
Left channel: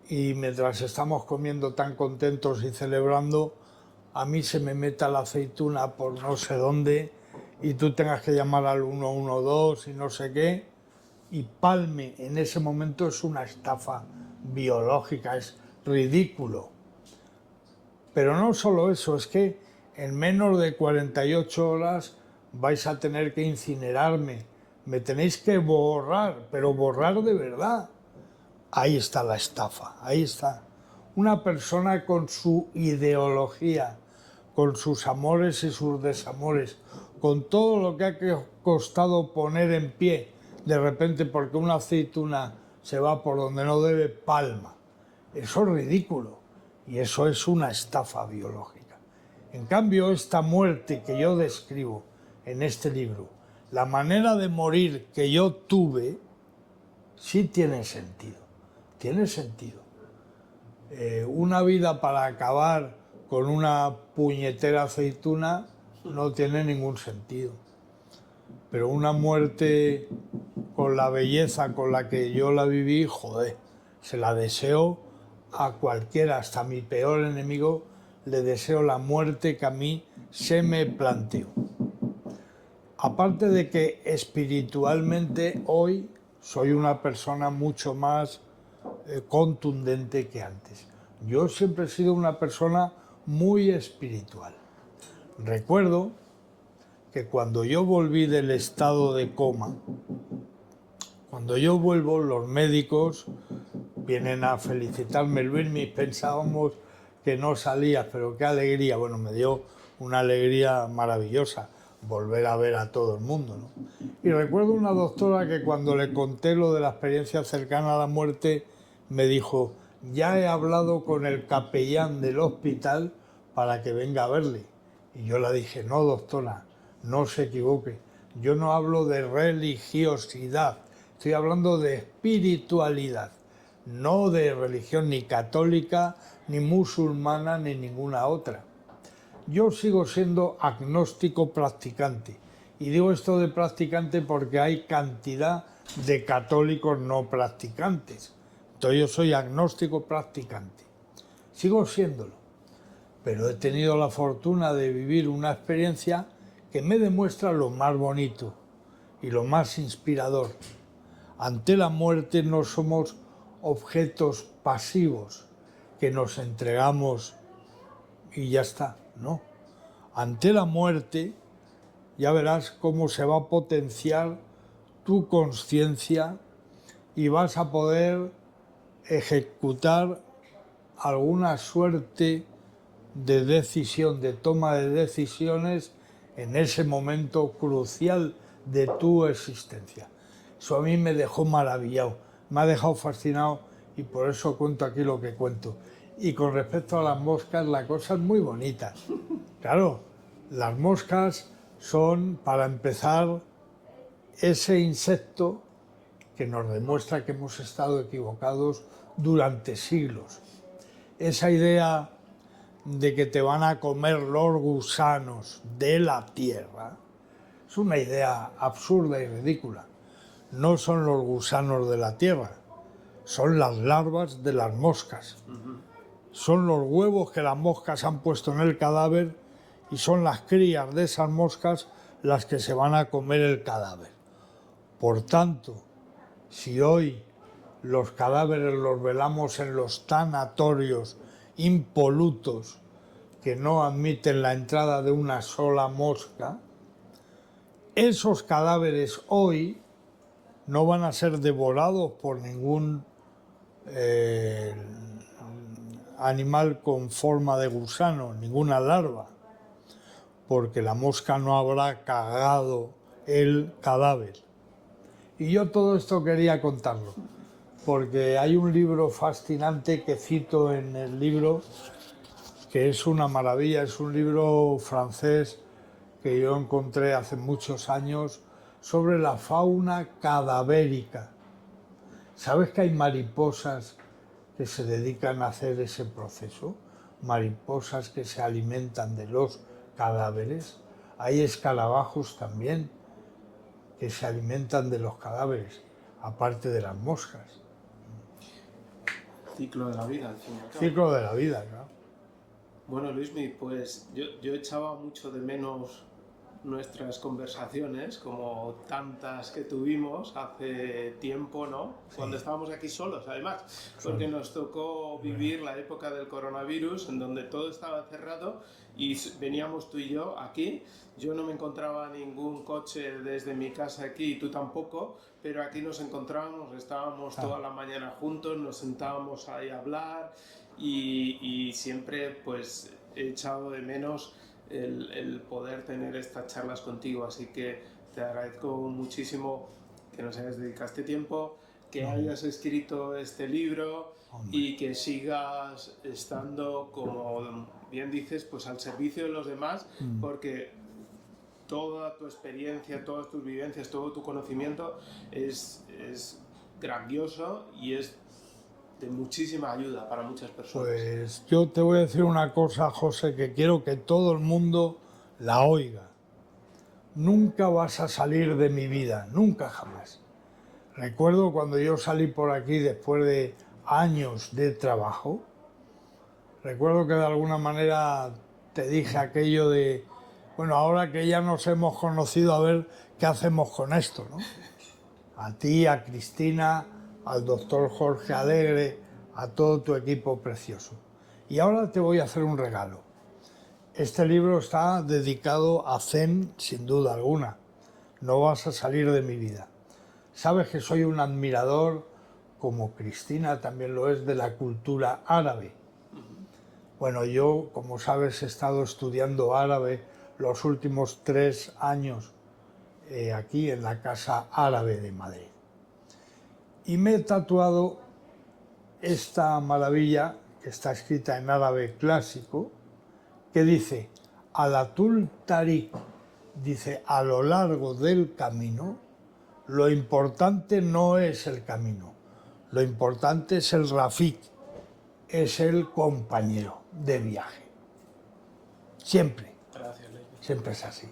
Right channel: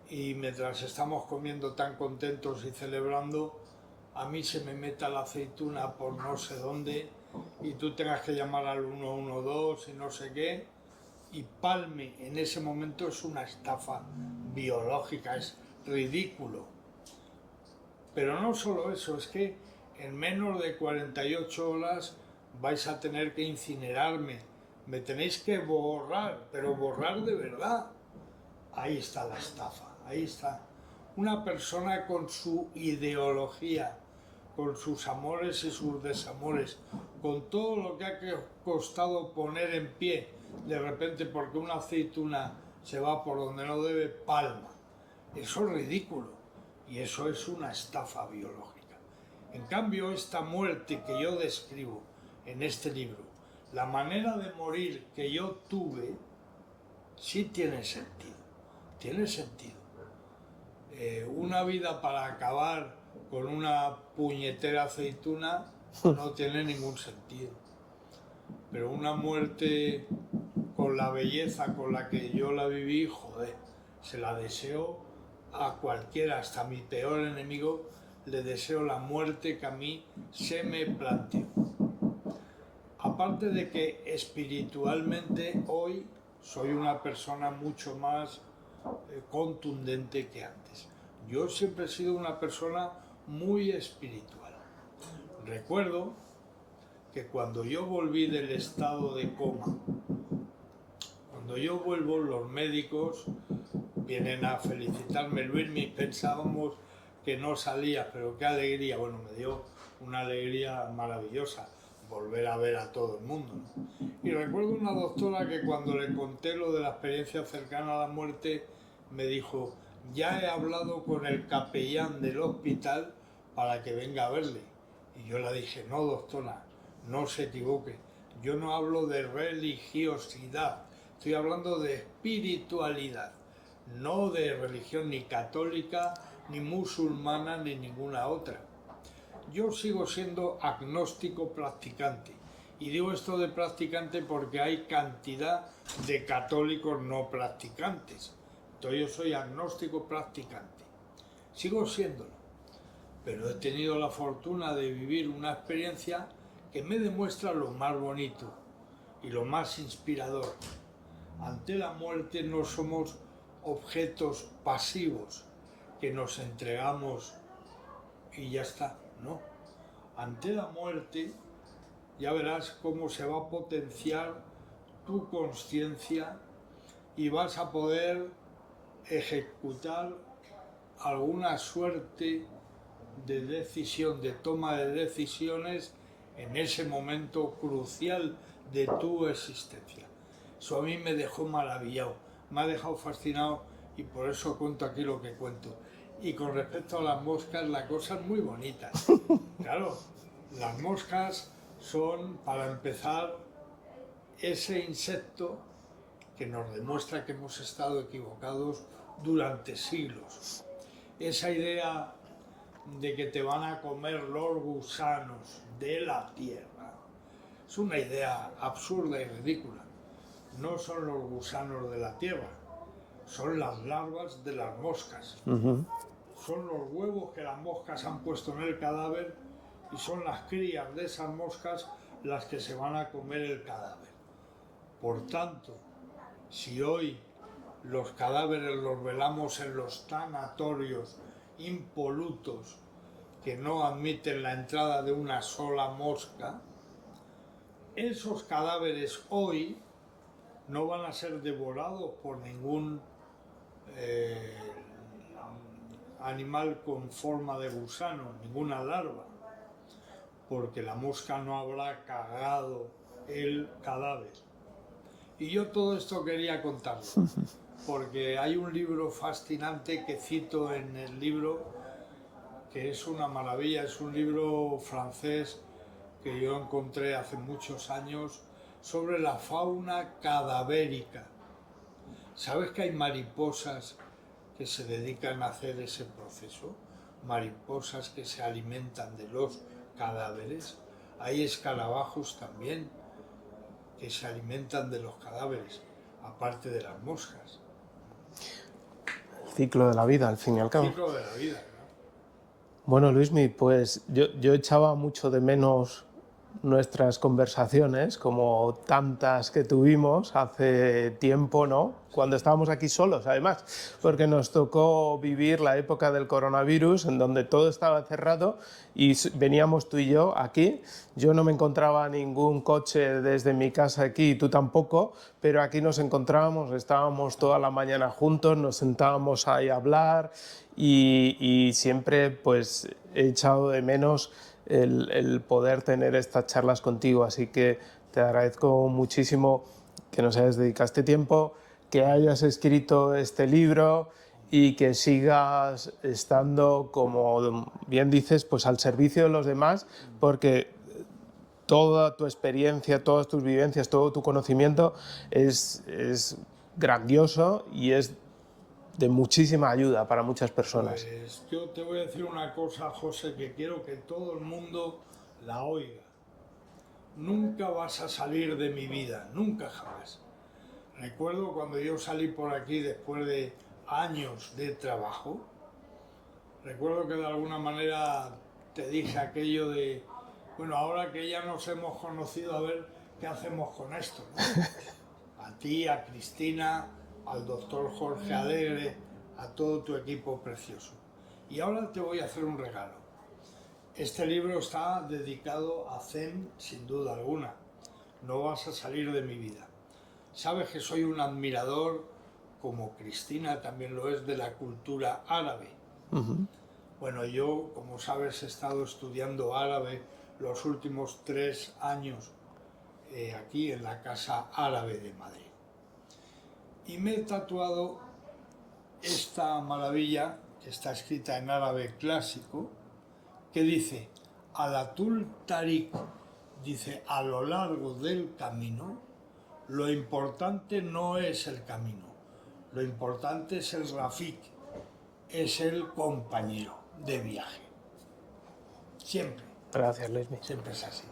y mientras estamos comiendo tan contentos y celebrando, a mí se me meta la aceituna por no sé dónde y tú tengas que llamar al 112 y no sé qué, y palme en ese momento, es una estafa biológica, es ridículo. Pero no solo eso, es que en menos de 48 horas vais a tener que incinerarme, me tenéis que borrar, pero borrar de verdad. Ahí está la estafa, ahí está. Una persona con su ideología, con sus amores y sus desamores, con todo lo que ha costado poner en pie, de repente porque una aceituna se va por donde no debe, palma. Eso es ridículo y eso es una estafa biológica. En cambio, esta muerte que yo describo en este libro, la manera de morir que yo tuve, sí tiene sentido. Tiene sentido. Una vida para acabar con una puñetera aceituna no tiene ningún sentido. Pero una muerte con la belleza con la que yo la viví, joder, se la deseo a cualquiera, hasta a mi peor enemigo, le deseo la muerte que a mí se me planteó. Aparte de que espiritualmente hoy soy una persona mucho más contundente que antes. Yo siempre he sido una persona muy espiritual. Recuerdo que cuando yo volví del estado de coma, cuando yo vuelvo, los médicos vienen a felicitarme. Luis, pensábamos que no salías, pero qué alegría. Bueno, me dio una alegría maravillosa volver a ver a todo el mundo, ¿no? Y recuerdo una doctora que cuando le conté lo de la experiencia cercana a la muerte, me dijo, ya he hablado con el capellán del hospital para que venga a verle. Y yo le dije, no, doctora, no se equivoque. Yo no hablo de religiosidad, estoy hablando de espiritualidad, no de religión ni católica, ni musulmana, ni ninguna otra. Yo sigo siendo agnóstico practicante. Y digo esto de practicante porque hay cantidad de católicos no practicantes. Entonces yo soy agnóstico practicante. Sigo siéndolo. Pero he tenido la fortuna de vivir una experiencia que me demuestra lo más bonito y lo más inspirador. Ante la muerte no somos objetos pasivos que nos entregamos y ya está, no. Ante la muerte ya verás cómo se va a potenciar tu conciencia y vas a poder ejecutar alguna suerte de decisión, de toma de decisiones en ese momento crucial de tu existencia. Eso a mí me dejó maravillado, me ha dejado fascinado y por eso cuento aquí lo que cuento. Y con respecto a las moscas, la cosa es muy bonita. Claro, las moscas son, para empezar, ese insecto que nos demuestra que hemos estado equivocados durante siglos. Esa idea de que te van a comer los gusanos de la tierra es una idea absurda y ridícula. No son los gusanos de la tierra, son las larvas de las moscas. Son los huevos que las moscas han puesto en el cadáver y son las crías de esas moscas las que se van a comer el cadáver. Por tanto, si hoy los cadáveres los velamos en los tanatorios impolutos que no admiten la entrada de una sola mosca, esos cadáveres hoy no van a ser devorados por ningún animal con forma de gusano, ninguna larva, porque la mosca no habrá cagado el cadáver. Y yo todo esto quería contarlo, porque hay un libro fascinante que cito en el libro, que es una maravilla, es un libro francés que yo encontré hace muchos años sobre la fauna cadavérica. ¿Sabes que hay mariposas que se dedican a hacer ese proceso? Mariposas que se alimentan de los cadáveres. Hay escarabajos también que se alimentan de los cadáveres, aparte de las moscas. El ciclo de la vida, al fin y al cabo. Ciclo de la vida, ¿no? Bueno, Luismi, pues yo echaba mucho de menos nuestras conversaciones, como tantas que tuvimos hace tiempo, ¿no? Cuando estábamos aquí solos, además, porque nos tocó vivir la época del coronavirus, en donde todo estaba cerrado y veníamos tú y yo aquí. Yo no me encontraba ningún coche desde mi casa aquí, y tú tampoco, pero aquí nos encontrábamos, estábamos toda la mañana juntos, nos sentábamos ahí a hablar y siempre pues he echado de menos el poder tener estas charlas contigo, así que te agradezco muchísimo que nos hayas dedicado este tiempo, que hayas escrito este libro y que sigas estando, como bien dices, pues al servicio de los demás, porque toda tu experiencia, todas tus vivencias, todo tu conocimiento es grandioso y es de muchísima ayuda para muchas personas. Pues yo te voy a decir una cosa, José, que quiero que todo el mundo la oiga. Nunca vas a salir de mi vida, nunca jamás. Recuerdo cuando yo salí por aquí después de años de trabajo, recuerdo que de alguna manera te dije aquello de, bueno, ahora que ya nos hemos conocido, a ver qué hacemos con esto, ¿no? A ti, a Cristina, al doctor Jorge Alegre, a todo tu equipo precioso. Y ahora te voy a hacer un regalo. Este libro está dedicado a Zen, sin duda alguna. No vas a salir de mi vida. Sabes que soy un admirador, como Cristina también lo es, de la cultura árabe. Bueno, yo, como sabes, he estado estudiando árabe los últimos 3 años aquí en la Casa Árabe de Madrid. Y me he tatuado esta maravilla, que está escrita en árabe clásico, que dice, Alatul Tariq, dice, a lo largo del camino, lo importante no es el camino, lo importante es el Rafik, es el compañero de viaje. Siempre. Gracias, Luis. Siempre es así.